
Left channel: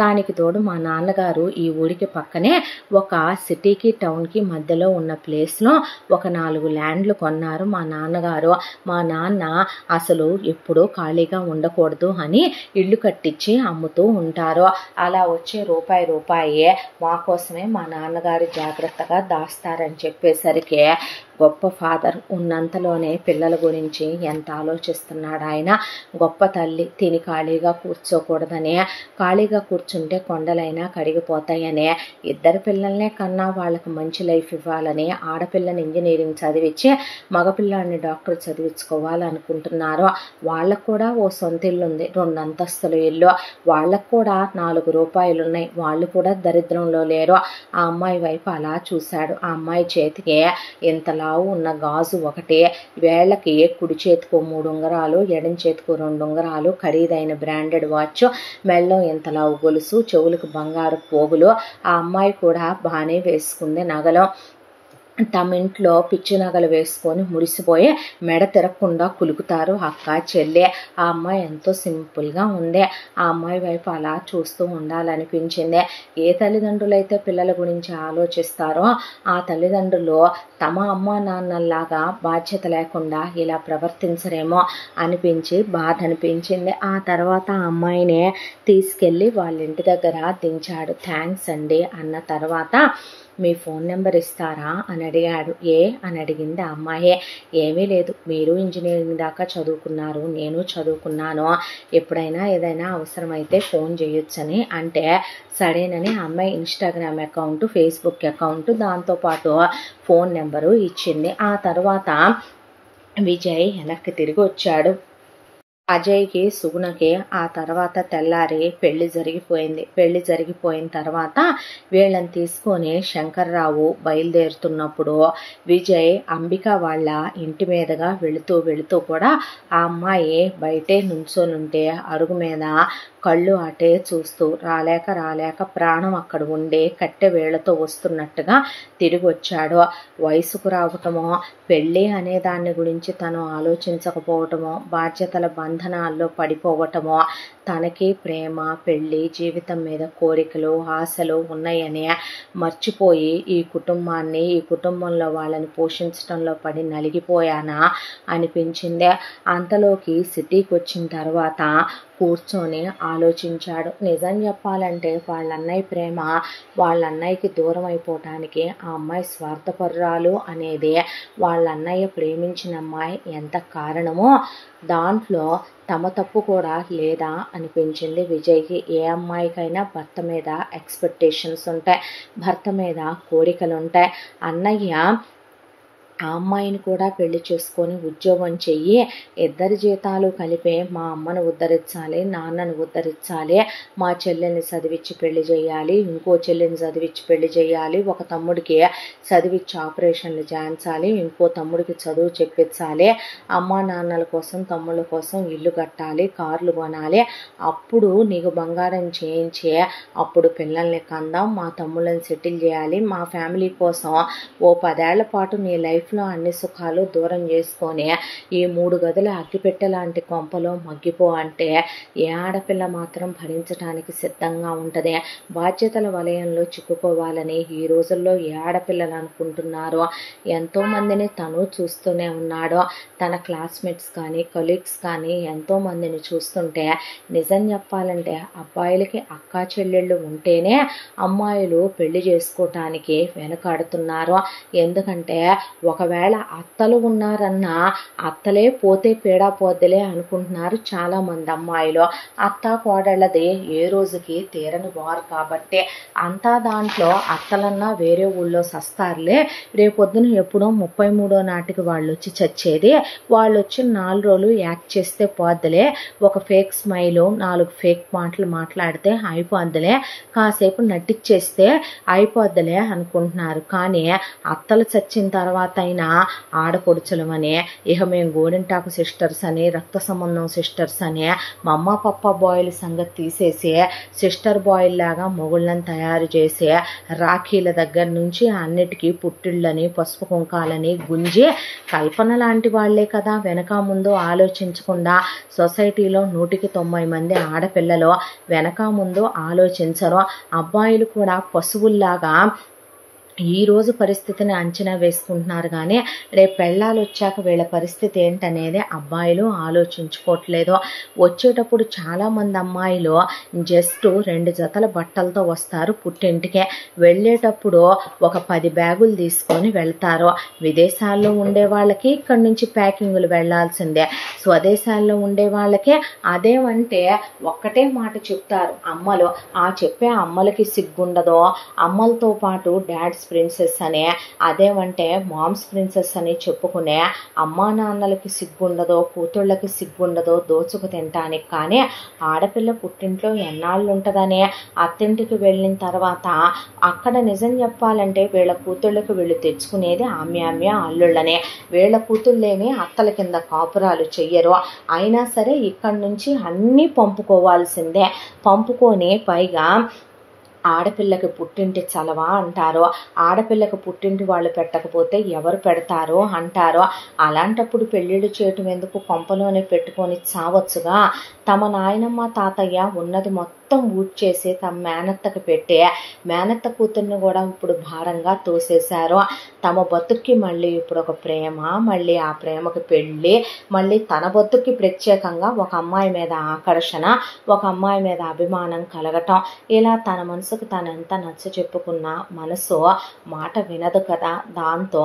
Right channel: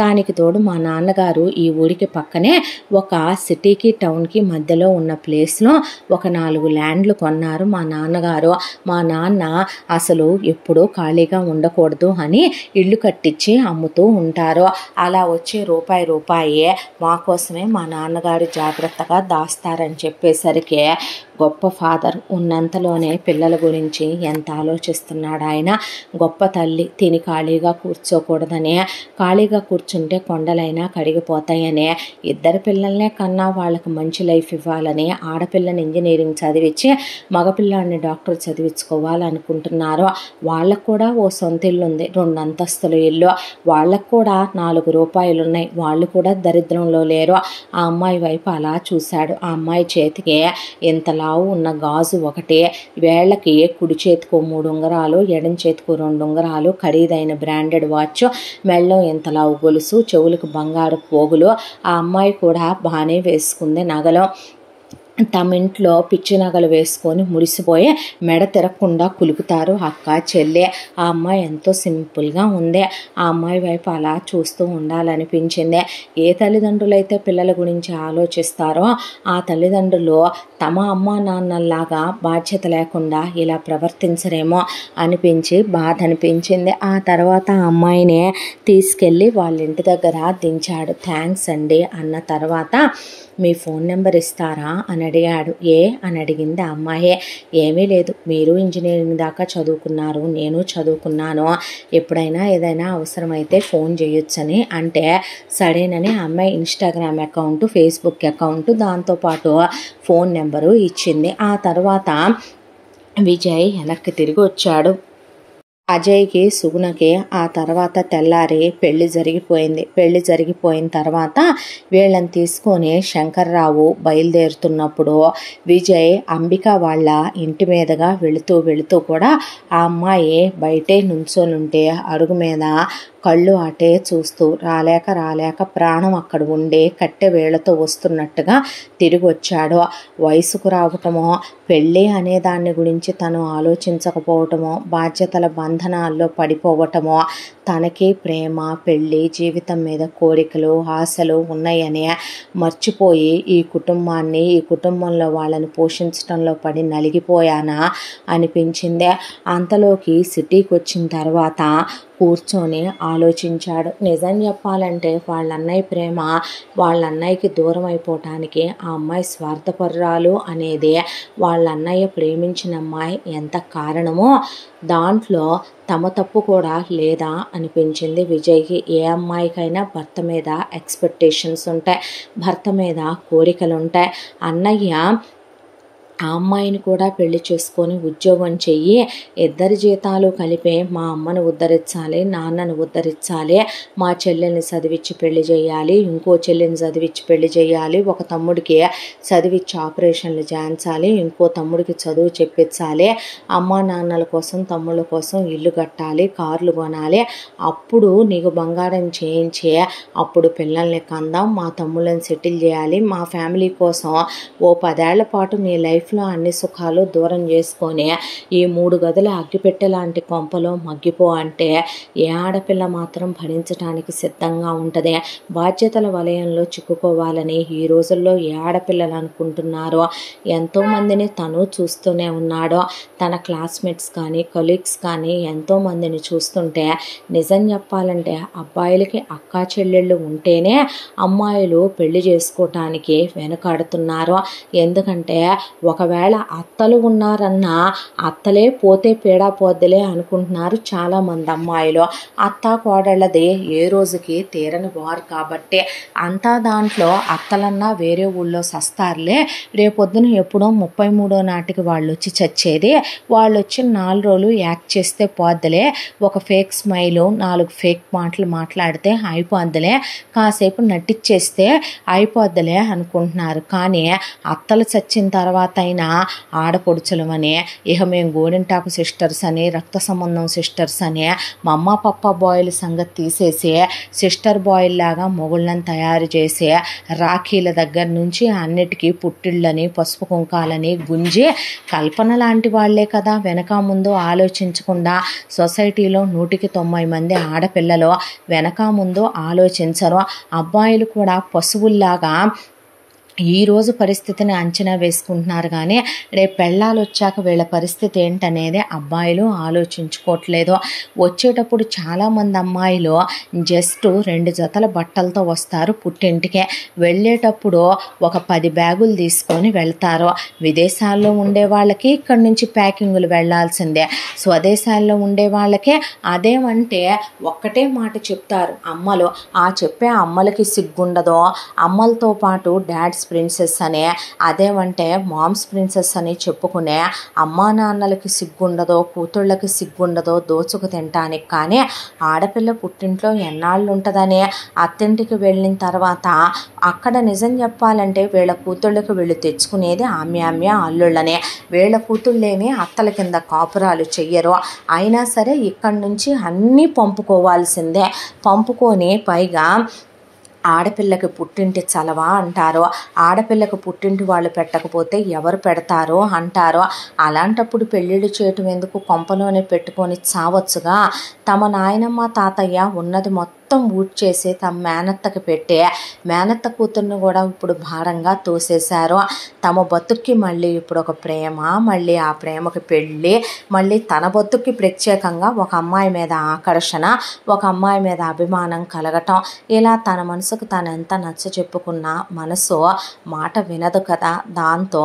దానికి తోడు మా నాన్నగారు ఈ ఊరికి పక్కనే ఒక సిటీకి టౌన్కి మధ్యలో ఉన్న ప్లేస్లో ఒక 4 ల్యాండ్లు కొన్నారు మా నాన్నగారు. మా నాన్న అసలు ఎప్పుడూ ఖాళీగా ఉండకూడదు అని ఇల్లు కట్టించి అమ్ముతూ ఉంటారు. అలా వచ్చే రూపాయి మా కోసమే మా నాన్నగారు జాగ్రత్తగా దాస్తారని చెప్పేసరికి, గొప్ప ఫాదర్ ఉన్నంతలోనే పిల్లల గురించి ఎంత ఆలోచిస్తున్నాడు ఆయన. గొప్ప తల్లి తిని ఖాళీగా కూర్చోకూడదనే, ఖాళీగా కూర్చుంటే కొండలైనా కరిగిపోతాయనే, ఇద్దరు పిల్లల్నే కన్నా వాళ్ళకి మంచి లైఫ్ ఇవ్వాలని ఆడపిల్లని ఇంజనీరింగ్ చదివించి మగపిల్లాడిని డాక్టర్ చదివించుకోవాలనుకుంటున్నారు. వాళ్ళకు కూడా ఓ సొంత ఇల్లు ఉంది, 2 అంతస్తుల ఇల్లు, వాళ్ళకు కూడా 4 రూపాయలు ఉన్నాయి, వాళ్ళు కూడా దరిద్రంలో లేరు. ఆ అమ్మాయి వైపు అలా చూశాడు. ఆ అమ్మాయి చేతికి ఇంత లావు ఉన్న గాజు ఒకటే, వేళ్ళకి కుడి చేతికో 3 ఉంగరాలు, ఎడం చేతికో 2 ఉంగరాలు, ఖరీదైన బ్రాండెడ్ వాచ్, మెళ్ళో ఇంత లావు గొలుసు, చెవులకు బంగారు పోగులు. ఆ అమ్మాయి కూడా బాగానే వేసుకుంది నగలు. తమ ఇంట్లో పిచ్చి నగలు వేసుకొని మురిసిపోయి మెడ తిరగకుండా కులుకుతారు అక్క చెల్లె. ఆ అమ్మాయి ఎంతో సింపుల్గా ఉంది. ఆ అమ్మాయి వైపు అలా చూస్తూ ఉండాలనిపించింది. ఏ తల్లిదండ్రులైతే పిల్లల గురించి ఆలోచిస్తారో ఆ తల్లిదండ్రులు తమ అమ్మా నాన్నల్లాగా బాధ్యత లేకుండా ఇలా ప్రవర్తించరేమో అనిపించి బాధ అనిపించింది. ఆ తర్వాత ఆ అమ్మాయిని తీసుకెళ్ళి వాళ్ళ ఇంటి దగ్గర దించాడు. థ్యాంక్స్ అండి అన్న తర్వాత మీ ఫోన్ నెంబర్ ఇస్తారా అని అడిగాడు. అని అడిగింది ఆ అమ్మాయే. ఏమీ లేదు, మీరు ఇంజనీరింగ్ దాకా చదువుకున్నారు, నేను చదువుకున్నాను, ఎప్పుడైనా ఏదైనా అవసరమైతే ఫోన్ చేయొచ్చని అంటే సరేనని అమ్మాయి ఇన్స్టాగ్రామ్ అకౌంట్, ఫేస్బుక్ అకౌంట్, దాంతోపాటు ఫోన్ నెంబరు ఇచ్చింది. ఆ తర్వాత విజయ్ వెనక్కి తిరిగి వచ్చాడు. అజయ్కి సుగుణకి ఆ తర్వాత తెల్లారి పెళ్లి జరిగిపోయింది. పెళ్లి జరిగిపోయిన తర్వాత వీళ్ళని తీసుకొని శంకర్రావు బయలుదేరుతున్నప్పుడు విజయ్ అంబిక వాళ్ళ ఇంటి మీదుగా వెళుతూ కూడా ఆ అమ్మాయి బయటే నుంచోనుంటే అరుగు మీద కళ్ళు అటే చూస్తూ రాలేక ప్రాణం అక్కడ ఉండి కట్టె వేళ్లతో వస్తున్నట్టుగా తిరిగి వచ్చాడు. వయసుకు రావటమో, పెళ్ళి అనే దాన్ని గురించి తను ఆలోచించకపోవటమో, బాధ్యతల బంధనాల్లో పడిపోవటమో, తనకి ప్రేమ, పెళ్ళి, జీవితం మీద కోరికలు, ఆశలు ఉన్నాయని మర్చిపోయి ఈ కుటుంబాన్ని, ఈ కుటుంబంలో వాళ్ళని పోషించడంలో పడి నలిగిపోయానా అనిపించిందే. అంతలోకి సిటీకి వచ్చిన తర్వాత కూర్చొని ఆలోచించాడు. నిజం చెప్పాలంటే వాళ్ళ అన్నయ్య ప్రేమ వాళ్ళ అన్నయ్యకి దూరం అయిపోవటానికి ఆ అమ్మాయి స్వార్థపరురాలు అనేది వాళ్ళ అన్నయ్య ప్రేమించిన అమ్మాయి ఎంత కారణమో దాంట్లో తమ తప్పు కూడా లేదా అనిపించింది విజయ్కి. ఏ అమ్మాయికైనా భర్త మీద ఎక్స్పెక్టేషన్స్ ఉంటాయి, భర్త మీద కోరికలు ఉంటాయి. అన్నయ్య ఆ అమ్మాయిని కూడా పెళ్లి చేసుకొని ఉద్యోగం చెయ్యి, ఇద్దరి జీతాలు కలిపి మా అమ్మను ఉద్ధరించాలి, నాన్నను ఉద్ధరించాలి, మా చెల్లెల్ని చదివించి పెళ్లి చేయాలి, ఇంకో చెల్లెని చదివించి పెళ్లి చేయాలి, ఒక తమ్ముడికి చదివించి ఆపరేషన్లు చేయించాలి, ఇంకో తమ్ముడికి చదువు చెప్పించాలి, అమ్మా నాన్నల కోసం తమ్ముళ్ళ కోసం ఇల్లు కట్టాలి, కార్లు కొనాలి, అప్పుడు నీకు బంగారం చేయించి అప్పుడు పిల్లల్ని కందాం, మా తమ్ముళ్ళని సెటిల్ చేయాలి, మా ఫ్యామిలీ కోసం ఓ 10 ఏళ్ల పాటు నీ లైఫ్లో అన్ని సుఖాలు దూరం చేసుకొని ఈ 3 గదుల అగ్గిపెట్టె లాంటి కొంపలో మగ్గిపో అంటే ఏ ఆడపిల్ల మాత్రం భరించడానికి సిద్ధంగా ఉంటుంది? బాధ్యతల వలయంలో చిక్కుకోవాలని ఈ రోజుల్లో ఏ ఆడపిల్లలు అనుకుంటున్నారో ఎంతోమందిని తను చూస్తూనే ఉన్నాడో. తన క్లాస్మేట్స్ కానీ కొలీగ్స్ కానీ ఎంతోమందిని చూస్తుంటే నిజం చెప్పాలంటే అబ్బాయిలకి అక్కా చెల్లెళ్ళు ఉంటేనే అమ్మాయిలు పెళ్లి చేసుకోవటానికి వెనుకాడుతున్నారు. ఎందుకంటే ఒకవేళ అత్తలు ఉన్నారన్నా అత్తలే పోతే పీడా పోద్దులే అనుకుంటున్నారు చాలామంది అమ్మాయిలు. అత్త కోడళ్ళది ఏ రోజుకి తీరని వారు కాబట్టి అంతా దాంట్లో అత్తలన్నా వేరే ఊళ్ళో సస్తారులే, రేపొద్దున ఎప్పుడో 33వ నాటికి వాళ్ళు వచ్చి చచ్చేది, వాళ్ళు వచ్చి 4 రోజులు యాక్ట్ చేస్తే పోద్దులే, ఒక ఫేక్ స్మైలు 4 ఫేక్ మాటలు మాట్లాడితే అయిపోద్దులే, కాసేపు నటిచ్చేస్తే అయిపోద్దులే అనుకుంటున్నారు. కానీ అత్తలు చచ్చిన తర్వాత అయినా ఆడపొడుచులమని ఇక మేము గోరింటాకు సిస్టర్స్ అని, రక్త సంబంధం సిస్టర్స్ అని మా అమ్మ పప్ప బాయిల్ సంగతి తీసేసి సిస్టర్ బాయిల్ లాగా మొగుళ్ళని తయారు చేసి రాఖీల దగ్గర నుంచి అన్నిటికీ పుట్టిళ్ళని, పసుపు కుంకాలని గుంజి కల్పన లాంటి వాళ్లే కదా వెనక ముందు ఆలోచించకుండా సొసైటీలో 100కి 90 మంది ఆడపిల్లలు వెనక ముందు ఆలోచించరు. అబ్బాయిలు కూడా పశువుల్లాగా ఈరోజు పరిస్థితిని అంచనా వేసుకుంటున్నారు కానీ రేపు పెళ్ళాలు వచ్చాక వీళ్ళ పరిస్థితి ఏంటనేది అబ్బాయిలు ఆలోచించుకోవట్లేదు. వచ్చేటప్పుడు చాలామంది అమ్మాయిలు జస్ట్ 2 జతల బట్టలతో వస్తారు పుట్టింటికే, వెళ్ళేటప్పుడు ఒక 10 బ్యాగులు తీసుకొని వెళ్తారు. విదేశాల్లో ఉండే వాళ్ళకి ఇక్కడి నుంచి ప్యాకింగ్లు వెళ్లాల్సిందే, స్వదేశాల్లో ఉండే వాళ్ళకే అదేమంటే ఒక్కటే మాట చెప్తారు అమ్మలు. ఆ చెప్పే అమ్మలకి సిగ్గుండదో, అమ్మలతో పాటు డాడ్స్ ప్రిన్సెస్ అనే, అదేమంటే మామ్స్ ప్రిన్సెస్ అని చెప్పుకునే అమ్మా నాన్నలకి సిగ్గుండదో, కూతుళ్ళకి సిగ్గుండదో దోచుకు తినటానికి. కానీ ఆడపిల్ల పుట్టింట్లో ఎన్నాళ్ళు ఉంటుందని అత్తింటికి వెళ్ళిన తర్వాత అక్కడ నిజం చెప్పాలంటే వీళ్ళ కూతుళ్ళకి వీళ్ళు తెచ్చుకునేది ఆమ్యామ్య అల్లుళ్ళనే. వీళ్ళ కూతుళ్ళేమీ అత్తల కింద కాపురాలు చెయ్యరు. అయినా సరే ఇక్కడి నుంచి అన్నీ పంపుకోవాల్సిందే. పంపుకొని పైగా ఆడపిల్లకి పుట్టింటి చలవా అంటారు, ఆడపిల్లకి పుట్టింటి వాళ్ళు పెట్టకపోతే ఎవరు పెడతారో అంటారో. అలాంటప్పుడు పెళ్ళిళ్ళు చేయటం ఎందుకు, కొంపలోనే పెట్టుకొని చావచ్చుగా. తమ నాయనమ్మ తాతయ్య ఉన్నది మొత్తం మొత్తం ఊడ్చేసి తమ మేనత్తకి పెట్టి మేనత్త కూతుర్ని కూడా ఇప్పుడు భారంగా తోసేశారు. తమ బతుక్కి మళ్ళీ ఇప్పుడు ఒక ప్రేమ, మళ్ళీ ఆ ప్రేమకి పెళ్ళి, మళ్ళీ తన బతుక్కి ప్రత్యేకంగా ఒక అమ్మాయి మీద ఆకర్షణ, ఒక అమ్మాయి మీద అభిమానం కలగటం, ఇలా తన మనసుకు తను ఎంత నచ్చ చెప్పుకున్నా మనసు మాట వినదు కదా. దాంతో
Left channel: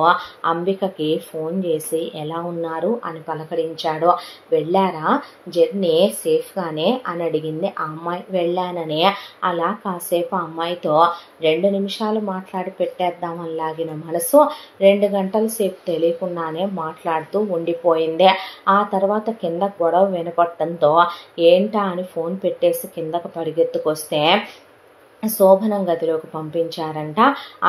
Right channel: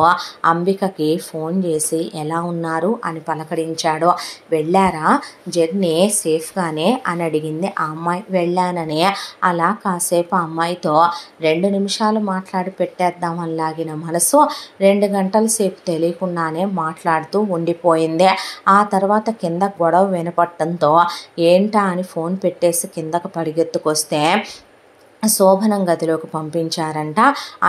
అంబికకి ఫోన్ చేసి ఎలా ఉన్నారు అని పలకరించాడు. వెళ్ళారా జర్నీ సేఫ్గానే అని అడిగింది ఆ అమ్మాయి. వెళ్ళానని అలా కాసేపు అమ్మాయితో 2 నిమిషాలు మాట్లాడి పెట్టేద్దామని లాగిన మనసు 2 గంటల సేపు తెలియకుండానే మాట్లాడుతూ ఉండిపోయింది. ఆ తర్వాత కింద గొడవ వినపడటంతో ఏంటా అని ఫోన్ పెట్టేసి కిందకు పరిగెత్తుకొస్తే శోభనం గదిలోకి పంపించారంట.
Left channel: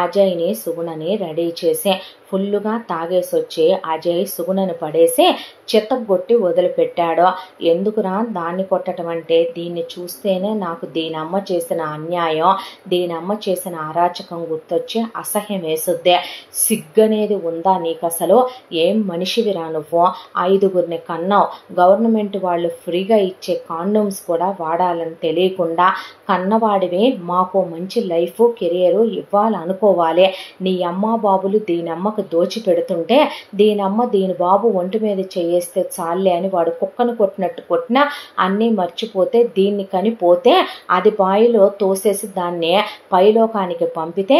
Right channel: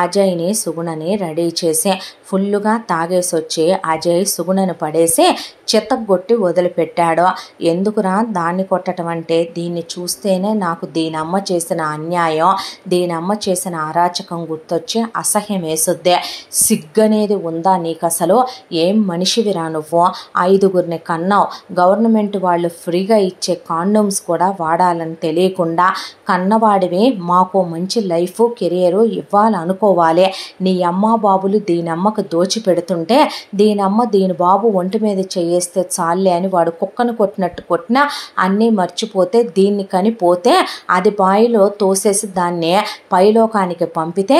అజయ్ని సుగుణని రెడీ చేసి ఫుల్లుగా తాగేసి వచ్చి అజయ్ సుగుణను పడేసి చిత్తగొట్టి వదిలిపెట్టాడు. ఎందుకురా దాన్ని కొట్టడం అంటే, దీన్ని చూస్తేనే నాకు దీనమ్మ చేసిన అన్యాయం, దీనమ్మ చేసిన అరాచకం గుర్తొచ్చి అసహ్యం వేసుద్దే. సిగ్గనేది ఉందా నీకు అసలు? ఏం మనిషివిరా నువ్వు? 5గురిని కన్నావు. గవర్నమెంట్ వాళ్ళు ఫ్రీగా ఇచ్చే కాండోమ్స్ కూడా వాడాలని తెలియకుండా కన్నవాడివి మాకు మంచి లైఫ్ కెరియరు ఇవ్వాలనుకోవాలి. నీ అమ్మ బాబులు దీనమ్మకు దోచి పెడుతుంటే దీనమ్మ దీని బాబు ఒంటి మీద చేయేస్తే చాలే అని వాడు కుక్కను కొట్టినట్టు కొట్టినా అన్నీ మర్చిపోతే దీన్ని కనిపోతే అది బాయిలో తోసేసి దాన్ని పైలోకానికి పంపితే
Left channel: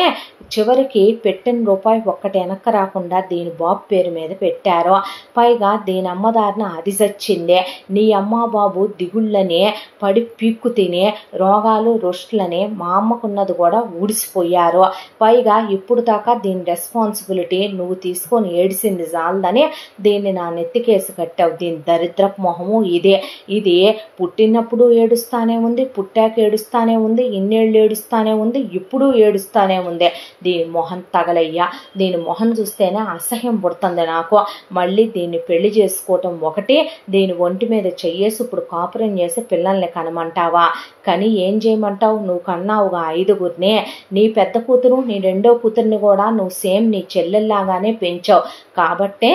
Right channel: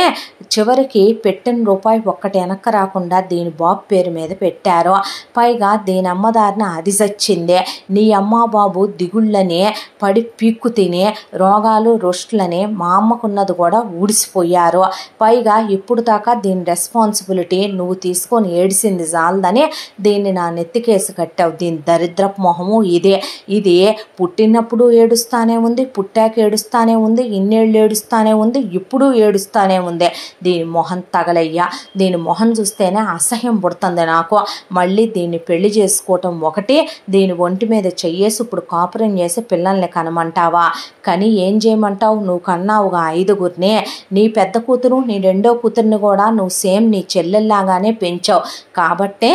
చివరికి పెట్టిన రూపాయి ఒక్కటి వెనక్కి రాకుండా దీని బాబు పేరు మీద పెట్టారు. పైగా దీని అమ్మదారిన అది చచ్చిందే. నీ అమ్మ బాబు దిగుళ్ళని పడి పీక్కు తిని రోగాలు రొస్టులని మా అమ్మకున్నది కూడా ఊడిసిపోయారు. పైగా ఇప్పుడు దాకా దీని రెస్పాన్సిబిలిటీ నువ్వు తీసుకొని ఏడిసింది చాలదని దీన్ని నా నెత్తికేసి కట్టావు. దీని దరిద్రపు మొహము ఇదే. ఇది పుట్టినప్పుడు ఏడుస్తానే ఉంది, పుట్టాక ఏడుస్తానే ఉంది, ఇన్నేళ్ళు ఏడుస్తానే ఉంది, ఇప్పుడు ఏడుస్తానే ఉంది. దీని మొహం తగలయ్యా. దీని మొహం చూస్తేనే అసహ్యం పుడుతుంది నాకు. మళ్ళీ దీన్ని పెళ్లి చేసుకోవటం ఒకటి, దీని ఒంటి మీద చెయ్యేసి ఇప్పుడు కాపురం చేసి పిల్లల్ని కనమంటావా? కానీ ఏం చేయమంటావు? నువ్వు కన్నావుగా 5గురిని. నీ పెద్ద కూతురు నీ రెండో కూతుర్ని కూడా నువ్వు సేమ్ నీ చెల్లెల్లాగానే పెంచావు. కాబట్టే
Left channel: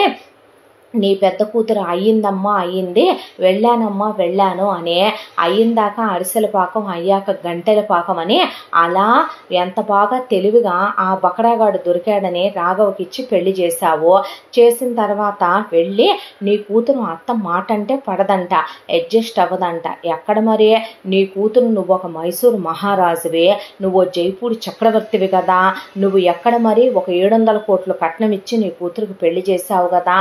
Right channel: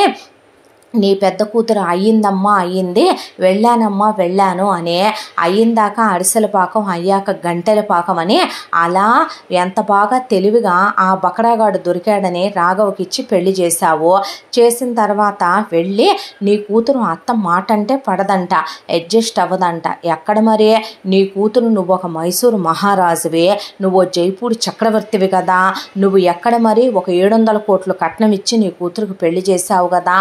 నీ పెద్ద కూతురు అయ్యిందమ్మా అయ్యింది, వెళ్ళానమ్మా వెళ్ళాను అని అయ్యిందాక అరిసెల పాకం అయ్యాక గంటెల పాకం అని అలా ఎంత బాగా తెలివిగా ఆ బకరాగాడు దొరికాడని రాఘవకిచ్చి పెళ్లి చేశావు. చేసిన తర్వాత వెళ్ళి నీ కూతురు అత్త మాట అంటే పడదంట, అడ్జస్ట్ అవ్వదంట. ఎక్కడ మరి నీ కూతురు నువ్వు ఒక మైసూరు మహారాజువి, నువ్వు జైపూర్ చక్రవర్తివి కదా, నువ్వు ఎక్కడ మరి ఒక 700 కోట్లు కట్నం ఇచ్చి నీ కూతురుకు పెళ్లి చేశావు కదా.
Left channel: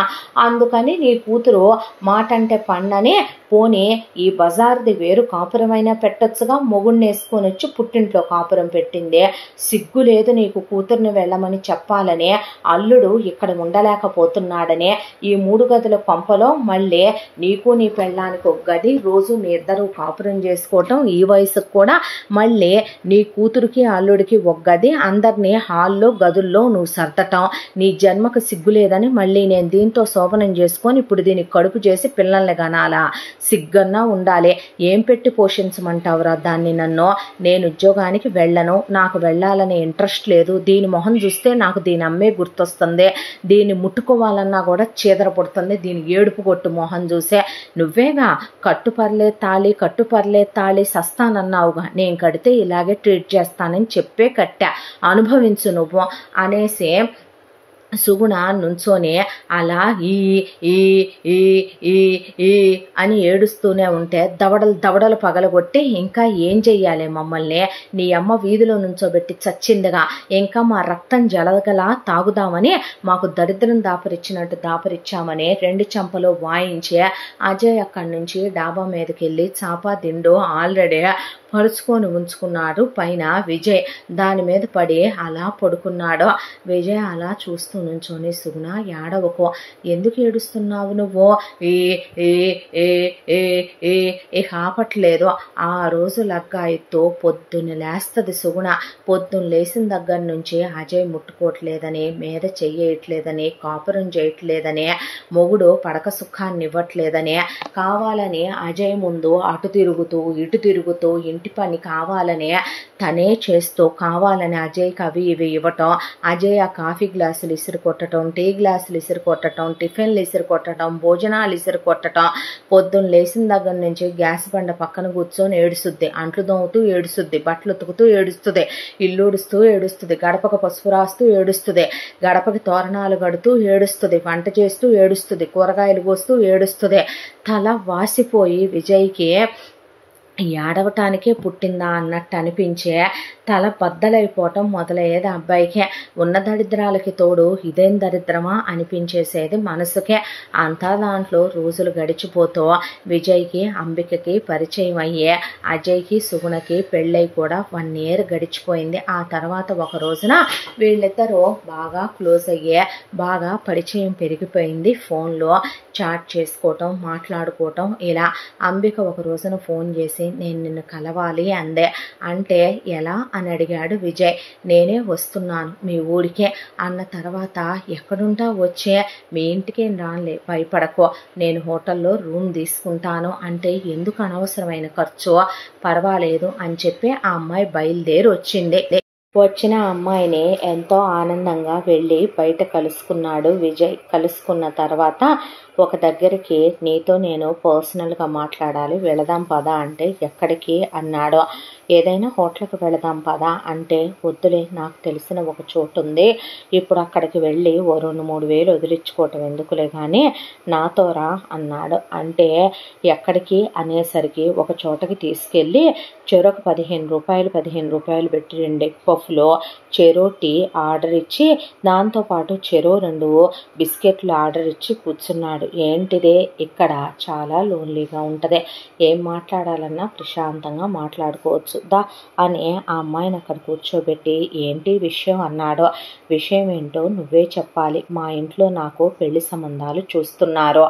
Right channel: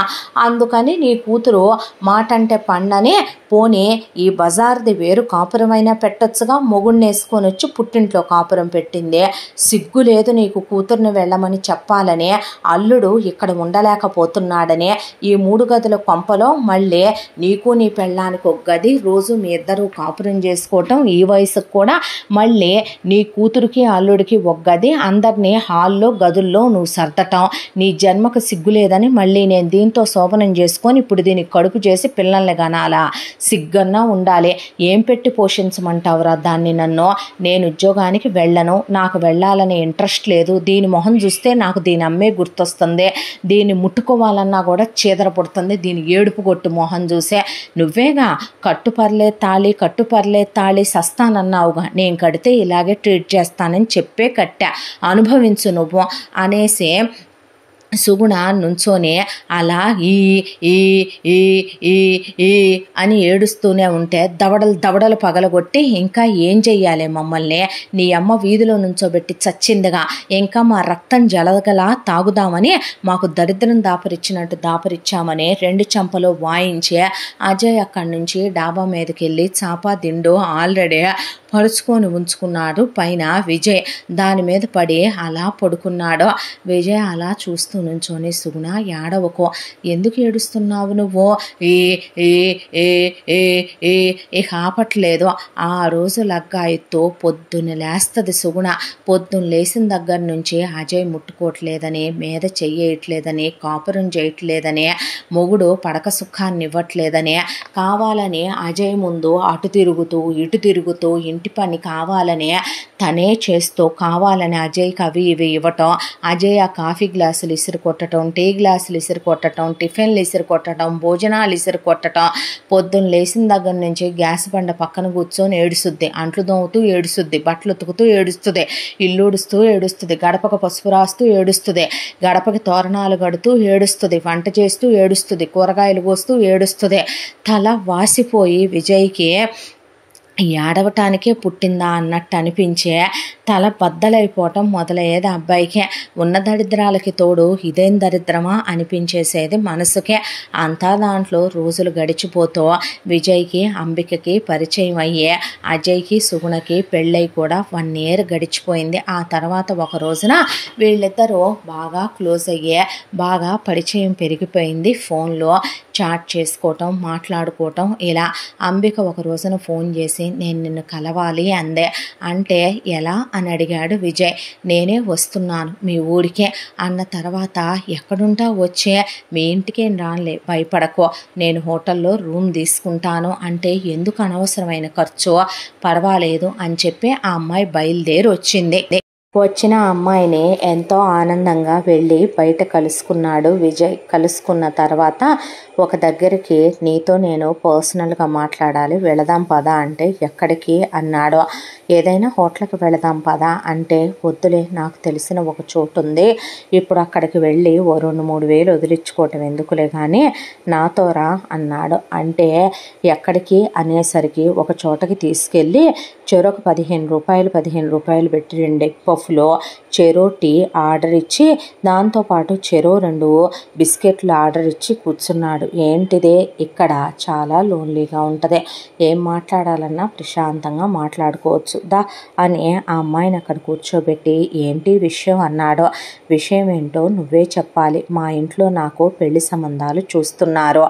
అందుకని నీ కూతురు మాట అంటే పండని పోనీ ఈ బజార్ది వేరు కాపురమైనా పెట్టొచ్చుగా, మొగుడిని వేసుకొని వచ్చి పుట్టింట్లో కాపురం పెట్టింది. సిగ్గు లేదు నీకు కూతుర్ని వెళ్ళమని చెప్పాలని? అల్లుడు ఇక్కడ ఉండలేకపోతున్నాడని ఈ 3 గదుల కొంపలో మళ్ళీ నీకు నీ పెళ్ళానికి ఒక గది, రోజు మీ ఇద్దరు కాపురం చేసుకోవటం, ఈ వయసుకు కూడా మళ్ళీ నీ కూతురికి అల్లుడికి ఒక గది, అందరినీ హాల్లో గదుల్లో నువ్వు సర్దటం. నీ జన్మకు సిగ్గు లేదని మళ్ళీ నేను దీంతో శోభనం చేసుకొని ఇప్పుడు దీనికి కడుపు చేసి పిల్లల్ని కనాలా? సిగ్గన్నా ఉండాలి. ఏం పెట్టి పోషించమంటావురా దాన్ని? నన్ను నేను ఉద్యోగానికి వెళ్ళను, నాకు వెళ్ళాలనే ఇంట్రెస్ట్ లేదు. దీని మొహం చూస్తే నాకు దీని అమ్మే గుర్తొస్తుంది. దీన్ని ముట్టుకోవాలన్నా కూడా చీదర పుడుతుంది దీని ఏడుపు కొట్టు మొహం చూసే. నువ్వేగా కట్టుపర్లే తాళి సస్తానన్నావుగా, నేను కడితే ఇలాగే ట్రీట్ చేస్తానని చెప్పే కట్టా, అనుభవించు నువ్వు అనేసి సుగుణ నుంచోనే అలా ఈ ఈ ఈ ఈ ఈ అని ఏడుస్తూనే ఉంటే దవడలు పగలగొట్టి ఇంకా ఏం చెయ్యాలి మమ్మల్ని? నీ అమ్మ వీధిలో నుంచోబెట్టి చచ్చిందిగా, ఇంకా మా రక్తం జలగలా తాగుదామని మాకు దరిద్రం దాపరిచ్చినట్టు దాపరిచ్చామని 2 చెంపలు వాయించి అజయ్ అక్కడి నుంచి డాబా మీదకి వెళ్ళి చాపా దిండు ఆల్రెడీ పరుచుకొని ఉంచుకున్నాడు పైన విజయ్. దాని మీద పడి అలా పడుకున్నాడు. విజయ్ అలా చూస్తూ నుంచోని సుగుణ ఏడవకో, ఎందుకు ఏడుస్తున్నావు నువ్వు? ఏ ఏ ఏ ఏ ఏ ఇక ఆపట్లేదు. ఆ రోజు లగ్గాయితో పొద్దున్న లేస్తుంది సుగుణ. పొద్దున్న లేచిన దగ్గర నుంచి అజయ్ ముట్టుకోవట్లేదని, మీద చెయ్యట్లేదని, కాపురం చేయట్లేదని, మొగుడు పడక సుఖాన్ని ఇవ్వట్లేదని కావాలని అజయ్ ముందు అటు తిరుగుతూ ఇటు తిరుగుతూ ఇంటి ఇంటి పని కావాలనే తనే చేస్తూ కావాలని అజయ్కి అవి ఇవి ఇవ్వటం, అజయ్ ఆ కాఫీ గ్లాసులు ఇసురు కొట్టడం, టీ గ్లాసులు ఇసురు కొట్టడం, టిఫిన్లు ఇసురు కొట్టడం, భోజనాలు ఇసురు కొట్టడం, పొద్దున్న లేచిన దగ్గర నుంచి గ్యాస్ బండ పక్కన కూర్చొని ఏడుస్తుంది, అంట్లు దోముతూ ఏడుస్తుంది, బట్టలు ఉతుకుతూ ఏడుస్తుంది, ఇల్లు ఉడుస్తూ ఏడుస్తుంది, గడపకు పసుపు రాస్తూ ఏడుస్తుంది, గడపకి తోరణాలు కడుతూ ఏడుస్తుంది, వంట చేస్తూ ఏడుస్తుంది, కూరగాయలు కోస్తూ ఏడుస్తుంది. తల వాసిపోయి విజయ్కి ఏడవటానికే పుట్టిందా అన్నట్టు అనిపించే తల బద్దలైపోవటం మొదలయ్యేది అబ్బాయికే. ఉన్న దరిద్రాలకి తోడు ఇదేం దరిద్రమా అనిపించేసేది మనసుకే. అంతా దాంట్లో రోజులు గడిచిపోతూ విజయ్కి అంబికకి పరిచయం అయ్యే అజయ్కి సుగుణకి పెళ్ళై కూడా 1 year గడిచిపోయింది. ఆ తర్వాత ఒక రోజున వీళ్ళిద్దరూ బాగా క్లోజ్ అయ్యే, బాగా పరిచయం పెరిగిపోయింది. ఫోన్లో చాట్ చేసుకోవటం, మాట్లాడుకోవటం ఇలా. అంబిక ఒక రోజున ఫోన్ చేసి నేను నిన్ను కలవాలి అందే. అంటే ఎలా అని అడిగాడు విజయ్. నేనే వస్తున్నాను మీ ఊరికే అన్న తర్వాత ఎక్కడుంటా వచ్చే మీ ఇంటికేం రానులే భయపడకో, నేను హోటల్లో రూమ్ తీసుకుంటాను అంటే ఎందుకు అనవసరమైన ఖర్చు, పర్వాలేదు అని చెప్పి ఆ అమ్మాయి బయలుదేరి వచ్చింది. వచ్చిన అమ్మాయిని ఎంతో ఆనందంగా వెళ్ళి బయట కలుసుకున్నాడు విజయ్. కలుసుకున్న తర్వాత ఒక దగ్గరికి నీతో నేను పర్సనల్గా మాట్లాడాలి, వెళదాం పదా అంటే ఎక్కడికి అన్నాడు. ఏదైనా హోటల్కి వెళదాం పదా అంటే వద్దులే, నాకు తెలిసిన ఒక చోటు ఉంది, ఇప్పుడు అక్కడికి వెళ్ళి ఓ 2-3 వేలు వదిలించుకోవటం ఎందుకులే కానీ నాతో రా అన్నాడు. అంటే ఎక్కడికి అనేసరికి ఒక చోటకి తీసుకెళ్ళి చెరొక 15 రూపాయలు పెట్టి 2 ఎగ్ పఫ్లో చెరో టీ ఆర్డర్ ఇచ్చి దాంతోపాటు చెరో 2 బిస్కెట్లు ఆర్డర్ ఇచ్చి కూర్చున్నాడు. ఏంటిదే ఇక్కడ చాలా లోన్లీగా ఉంటుంది, ఏం మాట్లాడాలన్నా ప్రశాంతంగా మాట్లాడుకోవచ్చు దా అని ఆ అమ్మాయిని అక్కడ కూర్చోబెట్టి ఏంటి విషయం అన్నాడు. విషయం ఏంటో నువ్వే చెప్పాలి, మా ఇంట్లో నాకు పెళ్లి సంబంధాలు చూస్తున్నారు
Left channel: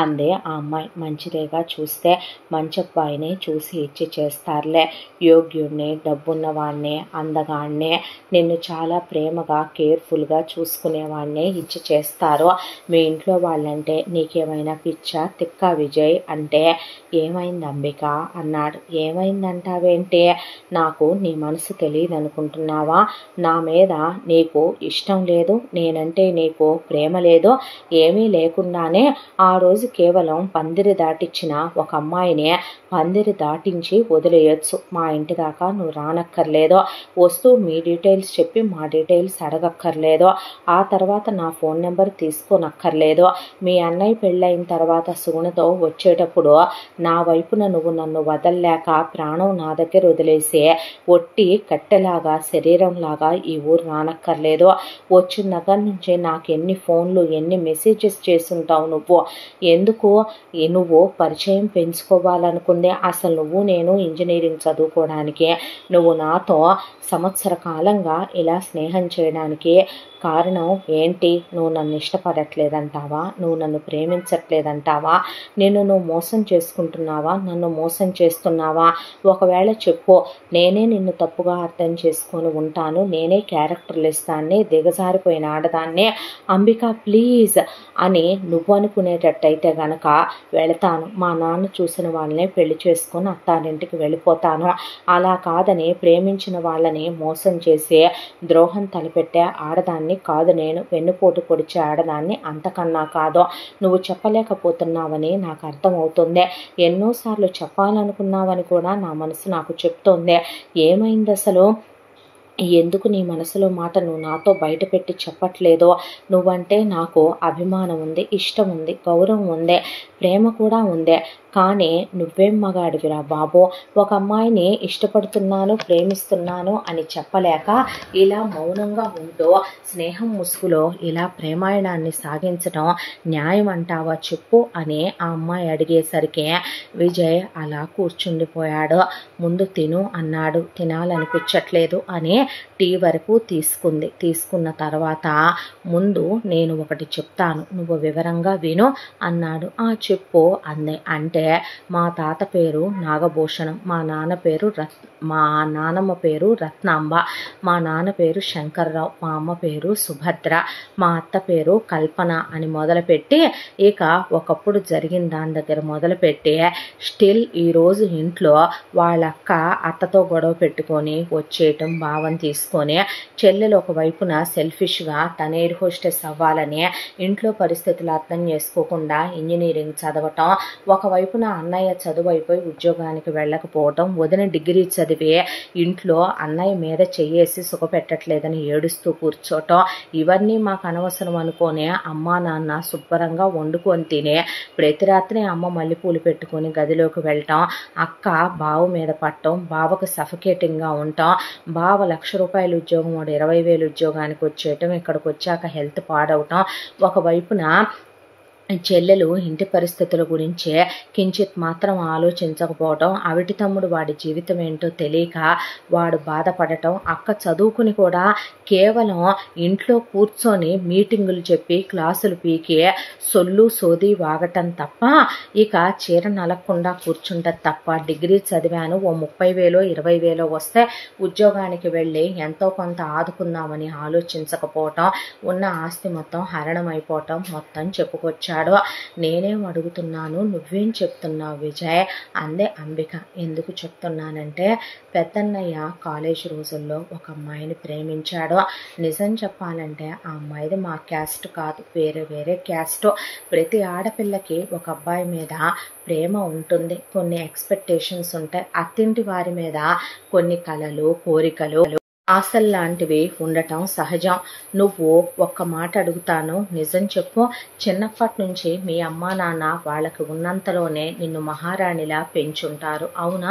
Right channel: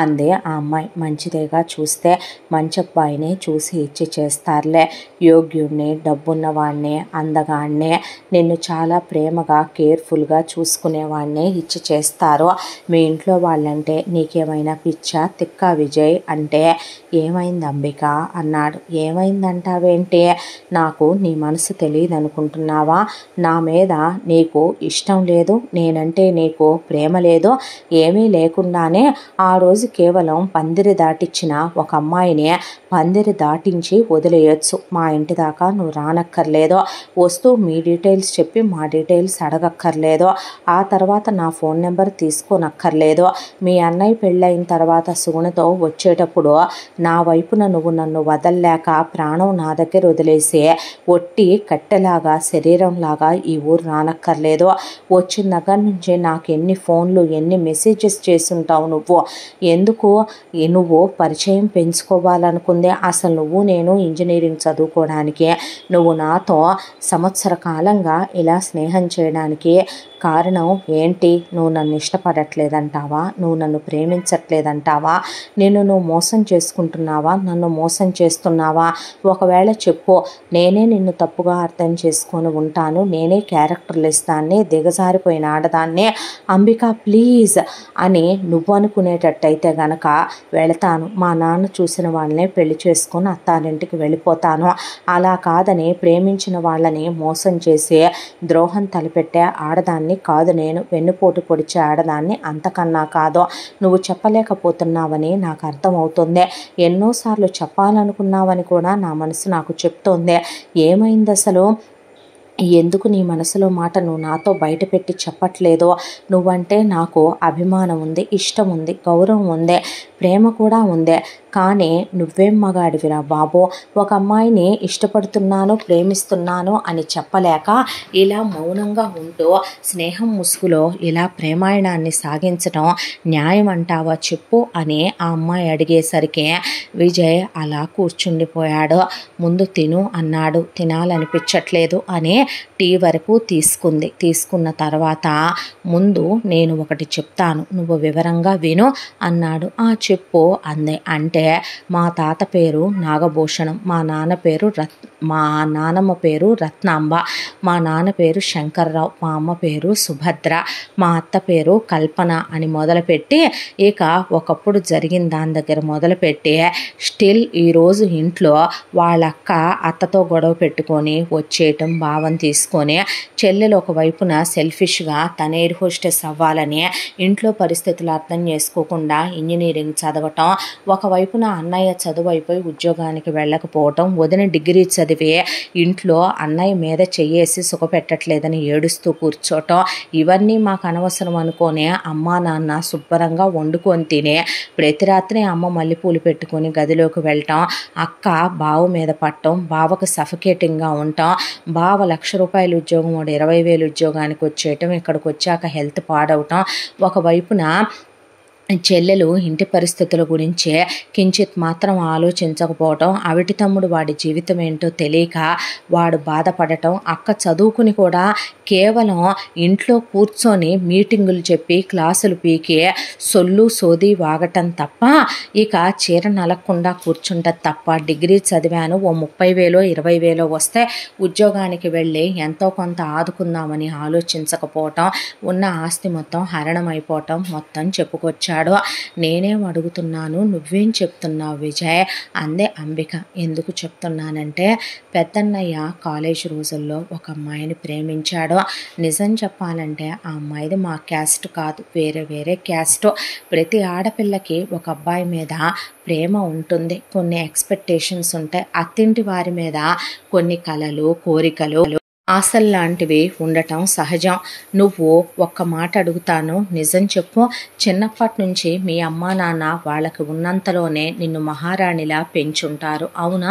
అందే ఆ అమ్మాయి. మంచిదేగా, చూస్తే మంచి అబ్బాయినే చూసి ఇచ్చి చేస్తారులే, యోగ్యుడిని, డబ్బున్నవాడిని, అందగాడినే, నిన్ను చాలా ప్రేమగా కేర్ఫుల్గా చూసుకునేవాడినే ఇచ్చి చేస్తారు. మీ ఇంట్లో వాళ్ళంటే నీకేమైనా పిచ్చా తిక్కా విజయ్ అంటే ఏమైంది అంబిక అన్నాడు. ఏమైందంటావేంటి, నాకు నీ మనసు తెలియదు అనుకుంటున్నావా, నా మీద నీకు ఇష్టం లేదు, నేనంటే నీకు ప్రేమ లేదు, ఏమీ లేకుండానే ఆ రోజు కేవలం పందిరి దాటిచ్చిన ఒక అమ్మాయిని పందిరి దాటించి వదిలేయచ్చు, మా ఇంటి దాకా నువ్వు రానక్కర్లేదు, వస్తూ మీ డీటెయిల్స్ చెప్పి మా డీటెయిల్స్ అడగక్కర్లేదు, ఆ తర్వాత నా ఫోన్ నెంబర్ తీసుకోనక్కర్లేదు, మీ అన్నయ్య పెళ్ళైన తర్వాత సుగుణతో వచ్చేటప్పుడు నా వైపున నువ్వు నన్ను వదల్లేక ప్రాణం నా దగ్గర వదిలేసి ఒట్టి కట్టెలాగా శరీరంలాగా ఈ ఊరు రానక్కర్లేదు, వచ్చిన దగ్గర నుంచి నాకు ఎన్ని ఫోన్లు ఎన్ని మెసేజెస్ చేసుంటావు నువ్వు, ఎందుకు నువ్వు పరిచయం పెంచుకోవాలనుకుంది, అసలు నువ్వు నేను ఇంజనీరింగ్ చదువుకోవడానికి, నువ్వు నాతో సంవత్సర కాలంగా ఇలా స్నేహం చేయడానికి కారణం ఏంటి, నువ్వు నన్ను ఇష్టపడట్లేదంటావా, నువ్వు నన్ను ప్రేమించట్లేదంటావా, నువ్వు మోసం చేసుకుంటున్నావా, నన్ను మోసం చేస్తున్నావా, ఒకవేళ చెప్పు, నేనే నిన్ను తప్పుగా అర్థం చేసుకొని ఉంటాను, నేనే క్యారెక్టర్లెస్ దాన్ని, దిగజారిపోయిన ఆడదాన్ని, అంబిక ప్లీజ్ అని నువ్వు అనుకునేటట్టయితే గనక వెళతాను, మా నాన్న చూసిన వాళ్ళనే పెళ్లి చేసుకొని అత్తారింటికి వెళ్ళిపోతాను, అలా కాదని ప్రేమించిన వాళ్ళని మోసం చేసి ద్రోహం తలపెట్టే ఆడదాన్ని కాదు నేను, వెన్నుపోటు పొడిచే ఆడదాన్ని అంతకన్నా కాదు, నువ్వు చెప్పలేకపోతున్నావని నాకు అర్థమవుతుంది, ఎన్నోసార్లు చెప్పాలనుకున్నావని కూడా నా మనసు నాకు చెప్తోంది, ఏమైంది అసలు, ఎందుకు నీ మనసులో మాట నువ్వు నాతో బయట పెట్టి చెప్పట్లేదో, నువ్వంటే నాకు అభిమానం ఉంది, ఇష్టం ఉంది, గౌరవం ఉంది, ప్రేమ కూడా ఉంది, కానీ నువ్వేం మగాడివిరా బాబు, ఒక అమ్మాయిని ఇష్టపడుతున్నాను ప్రేమిస్తున్నాను అని చెప్పలేక ఇలా మౌనంగా ఉంటూ స్నేహం ముసుగులో ఇలా ప్రేమాయణాన్ని సాగించడం న్యాయం అంటావా చెప్పు అని ఆ అమ్మాయి అడిగేసరికి విజయ్ అలా కూర్చుండిపోయాడు. ముందు తిను అన్నాడు, తినాలనిపించట్లేదు అని టీ వరకు తీసుకుంది. తీసుకున్న తర్వాత ముందు నేను ఒకటి చెప్తాను, నువ్వు వివరంగా విను అన్నాడు. ఆ చెప్పు అందే. అంటే మా తాత పేరు నాగభూషణం, మా నాన్న పేరు మా నానమ్మ పేరు రత్నాంబ, మా నాన్న పేరు శంకర్రావు, మా అమ్మ పేరు సుభద్ర, మా అత్త పేరు కల్పన అని మొదలుపెట్టి ఇక ఒకప్పుడు జరిగిన దాని దగ్గర మొదలుపెట్టి స్టిల్ ఈరోజు ఇంట్లో వాళ్ళక్క అత్తతో గొడవ పెట్టుకొని వచ్చేయటం, భావం తీసుకొని చెల్లెలు ఒకవైపున సెల్ఫిష్గా తన ఎయిర్ హోస్టెస్ అవ్వాలని ఇంట్లో పరిస్థితులు అర్థం చేసుకోకుండా ఇంజనీరింగ్ చదవటం, ఒకవైపున అన్నయ్య చదువు అయిపోయి ఉద్యోగానికి వెళ్ళకపోవటం, వదిన డిగ్రీ చదివి ఇంట్లో అన్నయ్య మీద చెయ్యేసి సుఖపెట్టట్లేదని ఏడుస్తూ కూర్చోటం, ఇవన్నీ మాకు అనవసరం అనుకోనే అమ్మా నాన్న శుభ్రంగా వండుకొని తినే ప్రతి రాత్రి అమ్మ మల్లెపూలు పెట్టుకొని గదిలోకి వెళ్ళటం, అక్క బావ మీద పట్టడం, బావకు సఫికేటింగ్గా ఉండటం, బావ ₹1,00,000 ఉద్యోగం వాడు 20,000 ఉద్యోగానికి వచ్చేయటం, ఇక్కడికి వచ్చాక హెల్త్ పాడవటం, ఒకవైపున చెల్లెలు ఇంటి పరిస్థితుల గురించే కించిత్ మాత్రం ఆలోచించకపోవటం, అవిటి తమ్ముడు వాడి జీవితం ఏంటో తెలియక వాడు బాధపడటం, అక్క చదువుకుని కూడా కేవలం ఇంట్లో కూర్చొని మీటింగులు చెప్పి క్లాసులు పీకి సొల్లు సోది వాగటం తప్ప ఇక చీర నలగకుండా కూర్చుంటది తప్ప, డిగ్రీ చదివాను ఓ 30,000 20,000 వస్తే ఉద్యోగానికి వెళ్ళి ఎంతో కొంత ఆదుకుందామని ఆలోచించకపోవటం, ఉన్న ఆస్తి మొత్తం హరణం అయిపోవటం మొత్తం చెప్పుకొచ్చాడు. నేనేం అడుగుతున్నాను, నువ్వేం చెప్తున్నావు విజయ్ అందే అంబిక. ఎందుకు చెప్తున్నానంటే పెద్దన్నయ్య కాలేజ్ రోజుల్లో ఒక అమ్మాయిని ప్రేమించాడు. నిజం చెప్పాలంటే ఆ అమ్మాయిది మా క్యాస్ట్ కాదు, వేరే క్యాస్ట్. ప్రతి ఆడపిల్లకి ఒక అబ్బాయి మీద ప్రేమ ఉంటుంది, కొన్ని ఎక్స్పెక్టేషన్స్ ఉంటాయి, అత్తింటి వారి మీద కొన్ని కలలు కోరికలు ఆశలు లాంటివి ఉండటం సహజం. నువ్వు ఒక్క మాట అడుగుతాను, నిజం చెప్పు, చిన్నప్పటి నుంచి మీ అమ్మా నాన్న వాళ్ళకి ఉన్నంతలోనే నిన్ను మహారాణిలా పెంచుంటారు అవునా?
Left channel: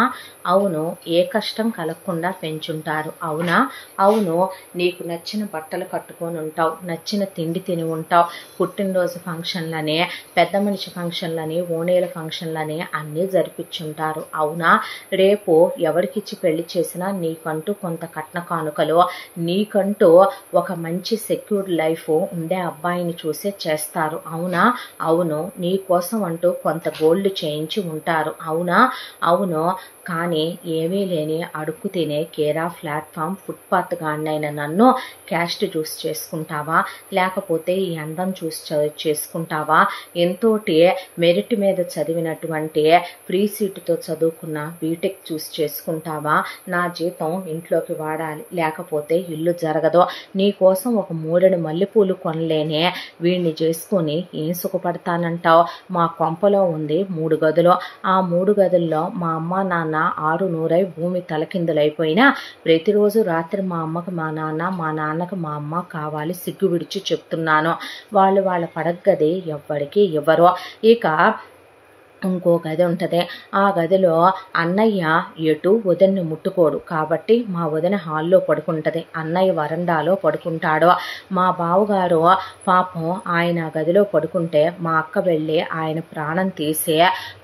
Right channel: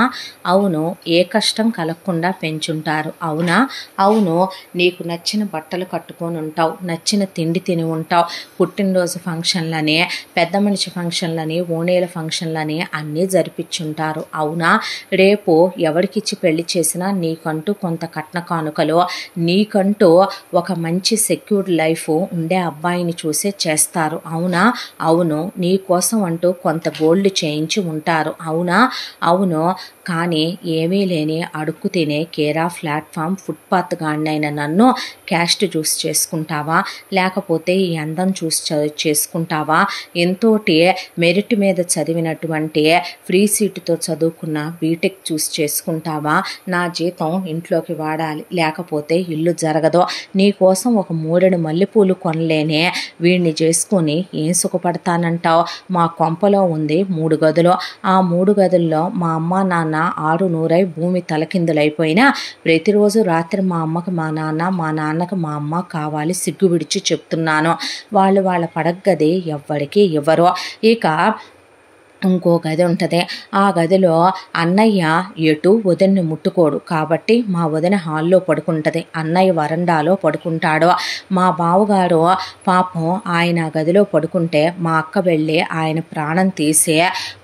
అవును. ఏ కష్టం కలగకుండా పెంచుంటారు అవునా? అవును. నీకు నచ్చిన బట్టలు కట్టుకొని ఉంటావు, నచ్చిన తిండి తిని ఉంటావు, పుట్టినరోజు ఫంక్షన్లని, పెద్ద మనిషి ఫంక్షన్లని, ఓణేల ఫంక్షన్లని అన్నీ జరిపించుంటారు అవునా? రేపు ఎవరికిచ్చి పెళ్లి చేసినా నీకంటూ కొంత కట్న కానుకలు, నీకంటూ ఒక మంచి సెక్యూర్డ్ లైఫ్ ఉండే అబ్బాయిని చూసే చేస్తారు అవునా? అవును. నీ కోసం అంటూ కొంత గోల్డ్ చేయించి ఉంటారు అవునా? అవును. కానీ ఏమీ లేని అడుక్కు తినే కేరా ప్లాట్ఫామ్ ఫుట్పాత్ గాడినైన నన్ను క్యాస్ట్ చూసి చేసుకుంటావా, లేకపోతే ఈ అందం చూసి చేసుకుంటావా, ఎంతోటి మెరిట్ మీద చదివినటువంటి ఫ్రీ సీటుతో చదువుకున్న బీటెక్ చూసి చేసుకుంటావా? నా జీతం ఇంట్లోకి వాడాలి, లేకపోతే ఇల్లు జరగదు, నీకోసం ఒక 3 మల్లెపూలు కొనలేనే వీడిని చేసుకొని ఏం సుఖపడతానంటావు? మా కొంపలో ఉంది 3 గదులు, ఆ 3 గదుల్లో మా అమ్మ నాన్న 6 భూమి తలకిందులైపోయినా ప్రతిరోజు రాత్రి మా అమ్మకు మా నాన్న, మా నాన్నకు మా అమ్మ కావాలి, సిగ్గు విడిచి చెప్తున్నాను. వాళ్ళు వాళ్ళ పడగది ఎవ్వరికి ఇవ్వరు. ఇక ఇంకో గది ఉంటుంది, ఆ గదిలో అన్నయ్య ఎటు వదిన్ని ముట్టుకోడు కాబట్టి మా వదిన హాల్లో పడుకుంటుంది, అన్నయ్య వరండాలో పడుకుంటాడు. మా బావగారు పాపం ఆయన గదిలో పడుకుంటే మా అక్క వెళ్ళి ఆయన ప్రాణం తీసి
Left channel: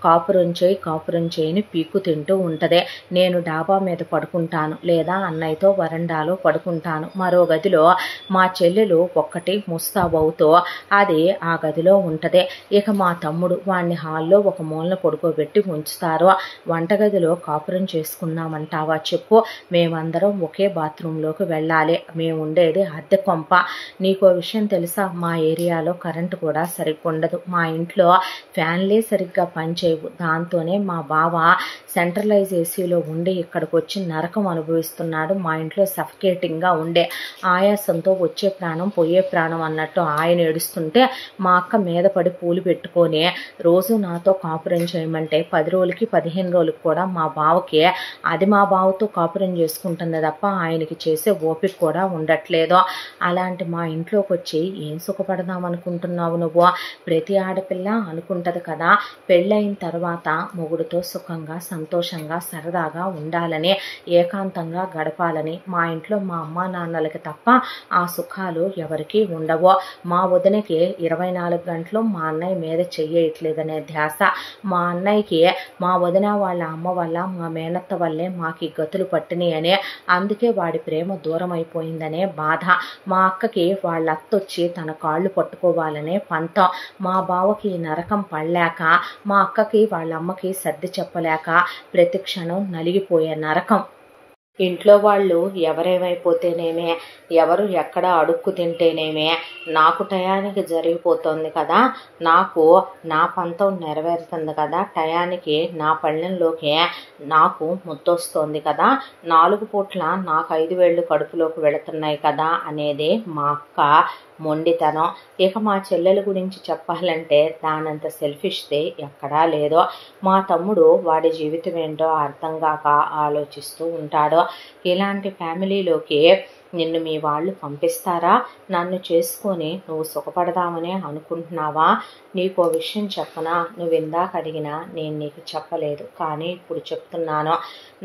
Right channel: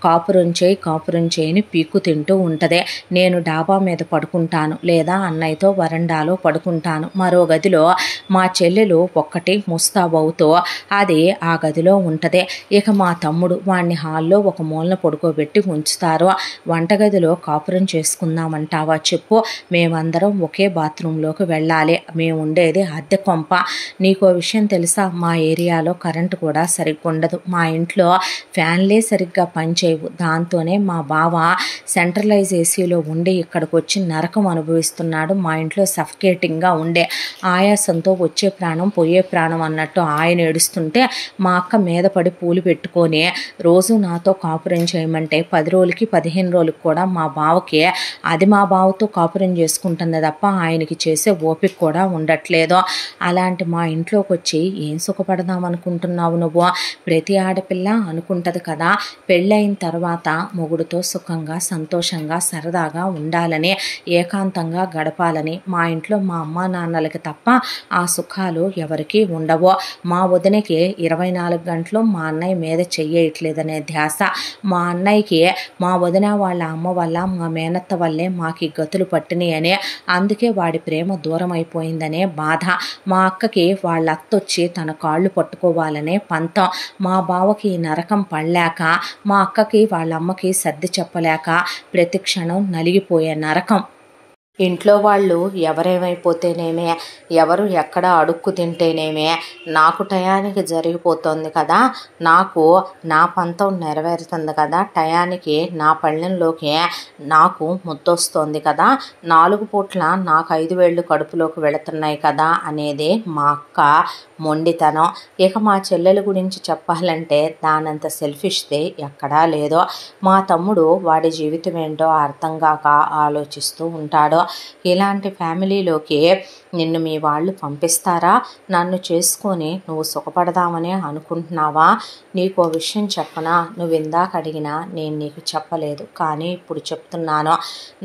కాపురం చేయని పీక్కు తింటూ ఉంటుంది. నేను డాబా మీద పడుకుంటాను, లేదా అన్నయ్యతో వరండాలో పడుకుంటాను. మరో గదిలో మా చెల్లెలు ఒక్కటి ముస్తాబవుతూ అది ఆ గదిలో ఉంటుంది. ఇక మా తమ్ముడు వాడిని హాల్లో ఒక మూలన పడుకోబెట్టి ఉంచుతారు. వంటగదిలో కాపురం చేసుకుందామంటావా చెప్పు? మేమందరం ఒకే బాత్రూంలోకి వెళ్ళాలి, మేము ఉండేది అద్దె కొంప. నీకో విషయం తెలుసా, మా ఏరియాలో కరెంటు కూడా సరిగ్గా ఉండదు, మా ఇంట్లో ఫ్యాన్లే సరిగ్గా పనిచేయవు, దాంతోనే మా బావ సెంట్రలైజ్ ఏసీలో ఉండి ఇక్కడికి వచ్చి నరకం అనుభవిస్తున్నాడు. మా ఇంట్లో సఫికేటింగ్గా ఉండే ఆయాసంతో వచ్చే ప్రాణం పోయే ప్రాణం అన్నట్టు ఆయన ఏడుస్తుంటే మా అక్క మీద పడి పూలు పెట్టుకొని రోజు నాతో కాపురం చేయమంటే 10 రోజులకి 15 రోజులకి కూడా మా బావకి అది మా బావతో కాపురం చేసుకుంటుంది తప్ప ఆయనకి చేసే ఓపిక కూడా ఉండట్లేదు. అలాంటి మా ఇంట్లోకి వచ్చి ఏం సుఖపడదాం అనుకుంటున్నావు నువ్వు? ప్రతి ఆడపిల్ల అనుకుంటుంది కదా, పెళ్ళైన తర్వాత మొగుడుతో సుఖంగా సంతోషంగా సరదాగా ఉండాలని, ఏకాంతంగా గడపాలని. మా ఇంట్లో మా అమ్మా నాన్నలకి తప్ప ఆ సుఖాలు ఎవరికీ ఉండవు. మా వదినకి 24 గంటలు మా అన్నయ్య మీద చెయ్యట్లేదనే ధ్యాస. మా అన్నయ్యకి మా వదిన వాళ్ళ అమ్మ వల్ల, మా మేనత్త వల్లే మాకు ఈ గతులు పట్టినాయి అని, అందుకే వాడి ప్రేమ దూరం అయిపోయిందనే బాధ. మా అక్కకి వాళ్ళ అత్తొచ్చి తన కాళ్ళు పట్టుకోవాలనే పంతం. మా బావకి నరకం పడలేక, మా అక్కకి వాళ్ళ అమ్మకి సర్ది చెప్పలేక ప్రతి క్షణం నలిగిపోయే నరకం. ఇంట్లో వాళ్ళు ఎవరేమైపోతేనేమే, ఎవరు ఎక్కడ అడుక్కు తింటేనేమే, నాకు టయానికి జరిగిపోతుంది కదా, నాకు నా పంతం నెరవేరుతుంది కదా, టయానికి నా పళ్ళెంలోకి నాకు ముద్దొస్తోంది కదా, 4 పూట్ల నాకు 5 వేళ్ళు కడుపులోకి వెళుతున్నాయి కదా అనేది మా అక్క మొండితనం. ఇక మా చెల్లెల గురించి చెప్పాలంటే దానంత సెల్ఫిష్ది ఎక్కడా లేదో. మా తమ్ముడు వాడి జీవితం ఏంటో అర్థం కాక ఆలోచిస్తూ ఉంటాడు. ఇలాంటి ఫ్యామిలీలోకి నిన్ను మీ వాళ్ళు పంపిస్తారా? నన్ను చేసుకొని నువ్వు సుఖపడదామని అనుకుంటున్నావా? నీకో విషయం చెప్పనా? నువ్వు ఇందాక అడిగినా నేను నీకు చెప్పలేదు, కానీ ఇప్పుడు చెప్తున్నాను.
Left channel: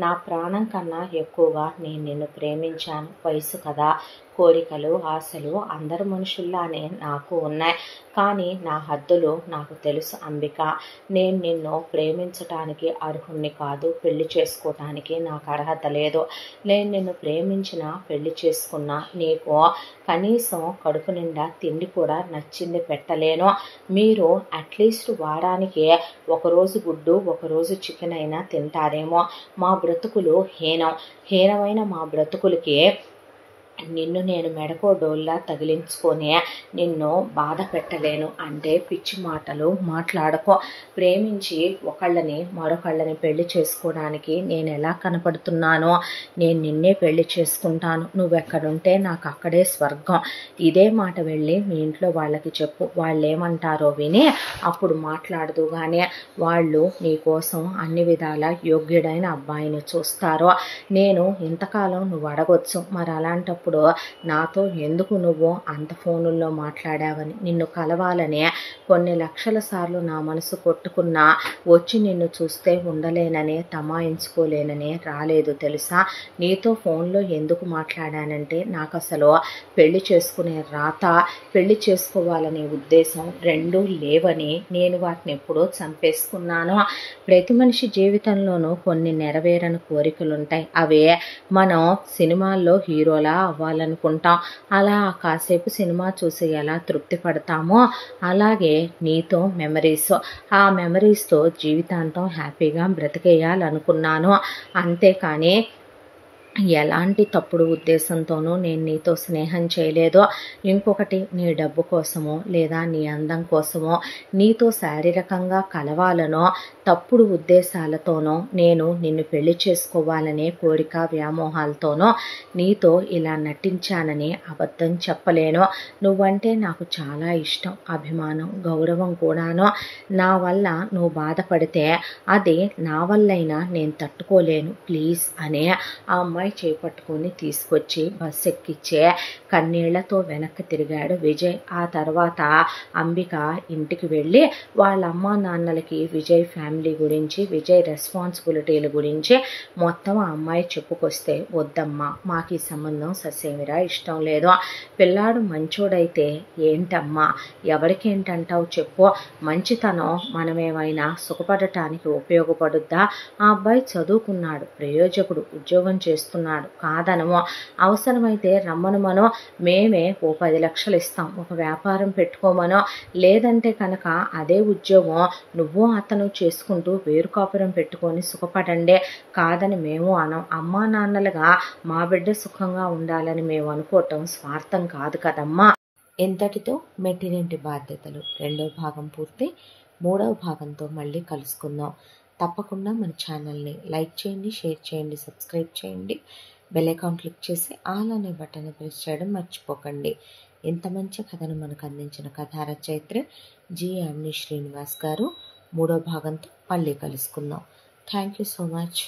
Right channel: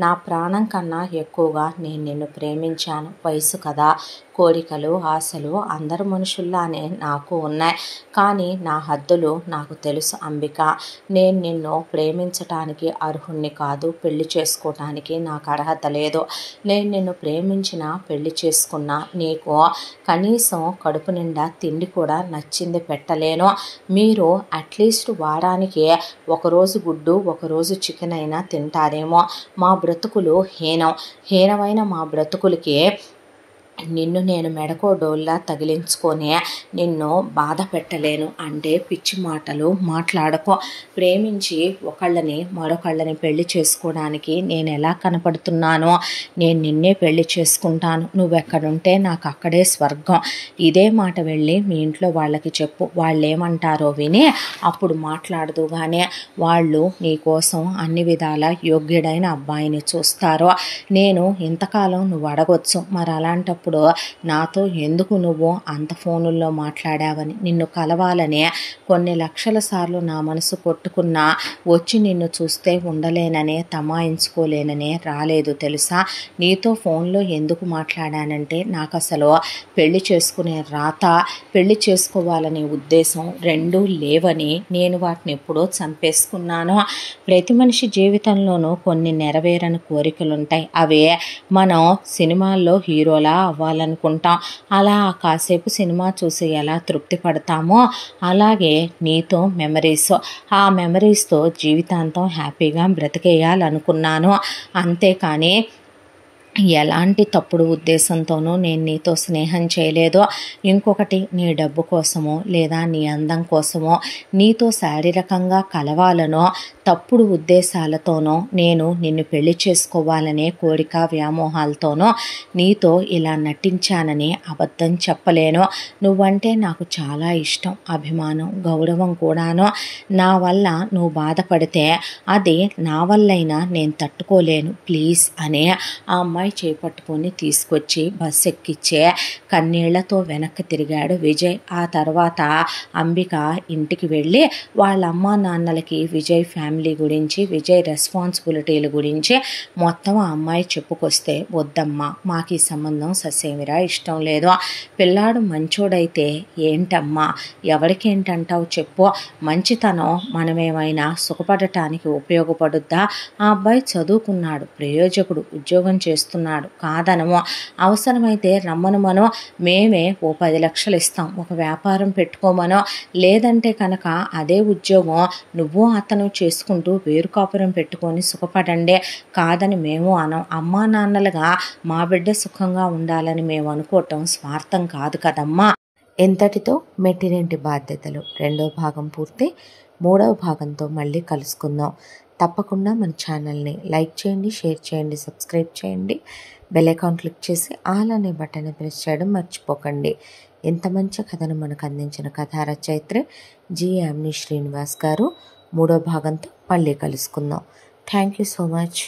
నా ప్రాణం కన్నా ఎక్కువగా నేను నిన్ను ప్రేమించాను. వయసు కదా, కోరికలు, ఆశలు అందరు మనుషుల్లానే నాకు ఉన్నాయి. కానీ నా హద్దులు నాకు తెలుసు అంబిక. నేను నిన్ను ప్రేమించటానికి అర్హుణ్ణి కాదు, పెళ్లి చేసుకోవటానికి నాకు అర్హత లేదు. నేను నిన్ను ప్రేమించిన, పెళ్లి చేసుకున్నా, నీకు కనీసం కడుపు నిండా తిండి కూడా నచ్చింది పెట్టలేను. మీరు అట్లీస్ట్ వారానికి ఒకరోజు గుడ్డు, ఒకరోజు చికెన్ అయినా తింటారేమో. మా బ్రతుకులు హీనమైన మా బ్రతుకులకి నిన్ను నేను మెడకో డోల్లా తగిలించుకొని నిన్ను బాధ పెట్టలేను అంటే పిచ్చి మాటలు మాట్లాడకో. ప్రేమించి ఒకళ్ళని మరొకళ్ళని పెళ్లి చేసుకోవడానికి నేను ఎలా కనపడుతున్నానో నేను నిన్నే పెళ్లి చేసుకుంటాను. నువ్వెక్కడుంటే నాకు అక్కడే స్వర్గం. ఇదే మాట వెళ్ళి మీ ఇంట్లో వాళ్ళకి చెప్పు. వాళ్ళు ఏమంటారో విని అప్పుడు మాట్లాడదు. కానీ వాళ్ళు నీకోసం అన్ని విధాల యోగ్యుడైన అబ్బాయిని చూస్తారో. నేను ఇంతకాలం నువ్వు అడగొచ్చు, మరి అలాంటప్పుడు నాతో ఎందుకు నువ్వు అంత ఫోనుల్లో మాట్లాడావని. నిన్ను కలవాలని కొన్ని లక్షల సార్లు నా మనసు కొట్టుకున్నా వచ్చి నిన్ను చూస్తే ఉండలేననే, తమాయించుకోలేననే రాలేదు తెలుసా. నీతో ఫోన్లో ఎందుకు మాట్లాడానంటే నాకు అసలు పెళ్లి చేసుకునే రాత, పెళ్లి చేసుకోవాలనే ఉద్దేశం రెండూ లేవని నేను వాటిని ఎప్పుడో చంపేసుకున్నాను. ప్రతి మనిషి జీవితంలోనూ కొన్ని నెరవేరని కోరికలుంటాయి. అవే మనం సినిమాల్లో హీరోలా అవ్వాలనుకుంటాం. అలా కాసేపు సినిమా చూసి ఎలా తృప్తి పడతామో అలాగే నీతో మెమరీస్, ఆ మెమరీస్తో జీవితాంతం హ్యాపీగా బ్రతికేయాలనుకున్నాను. అంతేకాని ఎలాంటి తప్పుడు ఉద్దేశంతోనూ నేను నీతో స్నేహం చేయలేదు. ఇంకొకటి, నీ డబ్బు కోసమో లేదా నీ అందం కోసమో, నీతో శారీరకంగా కలవాలనో తప్పుడు ఉద్దేశాలతోనో, నేను నిన్ను పెళ్లి చేసుకోవాలనే కోరిక వ్యామోహాలతోనో నీతో ఇలా నటించానని అబద్ధం చెప్పలేను. నువ్వంటే నాకు చాలా ఇష్టం, అభిమానం, గౌరవం కూడాను. నా వల్ల నువ్వు బాధపడితే అది నా వల్లైనా నేను తట్టుకోలేను ప్లీజ్ అనే ఆ అమ్మాయి చేపట్టుకొని తీసుకొచ్చి బస్సు ఎక్కిచ్చే కన్నీళ్లతో వెనక్కి తిరిగాడు విజయ్. ఆ తర్వాత అంబిక ఇంటికి వెళ్ళి వాళ్ళ అమ్మా నాన్నలకి విజయ్ ఫ్యామిలీ గురించి, విజయ్ రెస్పాన్సిబిలిటీల గురించి మొత్తం ఆ అమ్మాయి చెప్పుకొస్తే, వద్దమ్మా మాకు ఈ సంబంధం ససేమిరా ఇష్టం లేదు. పిల్లాడు మంచోడైతే ఏంటమ్మా, ఎవరికేంటంటావు చెప్పు. మంచితనం మనమేమైనా సుఖపడటానికి ఉపయోగపడుద్దా? ఆ అబ్బాయి చదువుకున్నాడు, ప్రయోజకుడు, ఉద్యోగం చేస్తున్నాడు, కాదనమో. అవసరమైతే రమ్మనుమనో, మేమే ఓ 10 లక్షలు ఇస్తాం, ఒక వ్యాపారం పెట్టుకోమనో. లేదంటే కనుక అదే ఉద్యోగం నువ్వు అతను చేసుకుంటూ వేరు కాపురం పెట్టుకొని సుఖపడండి, కాదని మేము అనం. అమ్మా నాన్నలుగా మా బిడ్డ సుఖంగా ఉండాలని మేము అనుకోవటం స్వార్థం కాదు కదమ్మా. ఇంతటితో మెట్టినింటి బాధ్యతలు 2వ భాగం పూర్తి. 3వ భాగంతో మళ్ళీ కలుసుకుందాం. తప్పకుండా మన ఛానల్ని లైక్ చేయండి, షేర్ చేయండి, సబ్స్క్రైబ్ చేయండి. బెల్ ఐకాన్ క్లిక్ చేసి ఆల్ అనే బటన్ని ప్రెస్ చేయడం మర్చిపోకండి. ఇంత మంచి కథను మనకు అందించిన కథా రచయిత్రి జి. యామిని శ్రీనివాస్ గారు. 3వ భాగంతో మళ్ళీ కలుసుకుందాం. Thank you so much.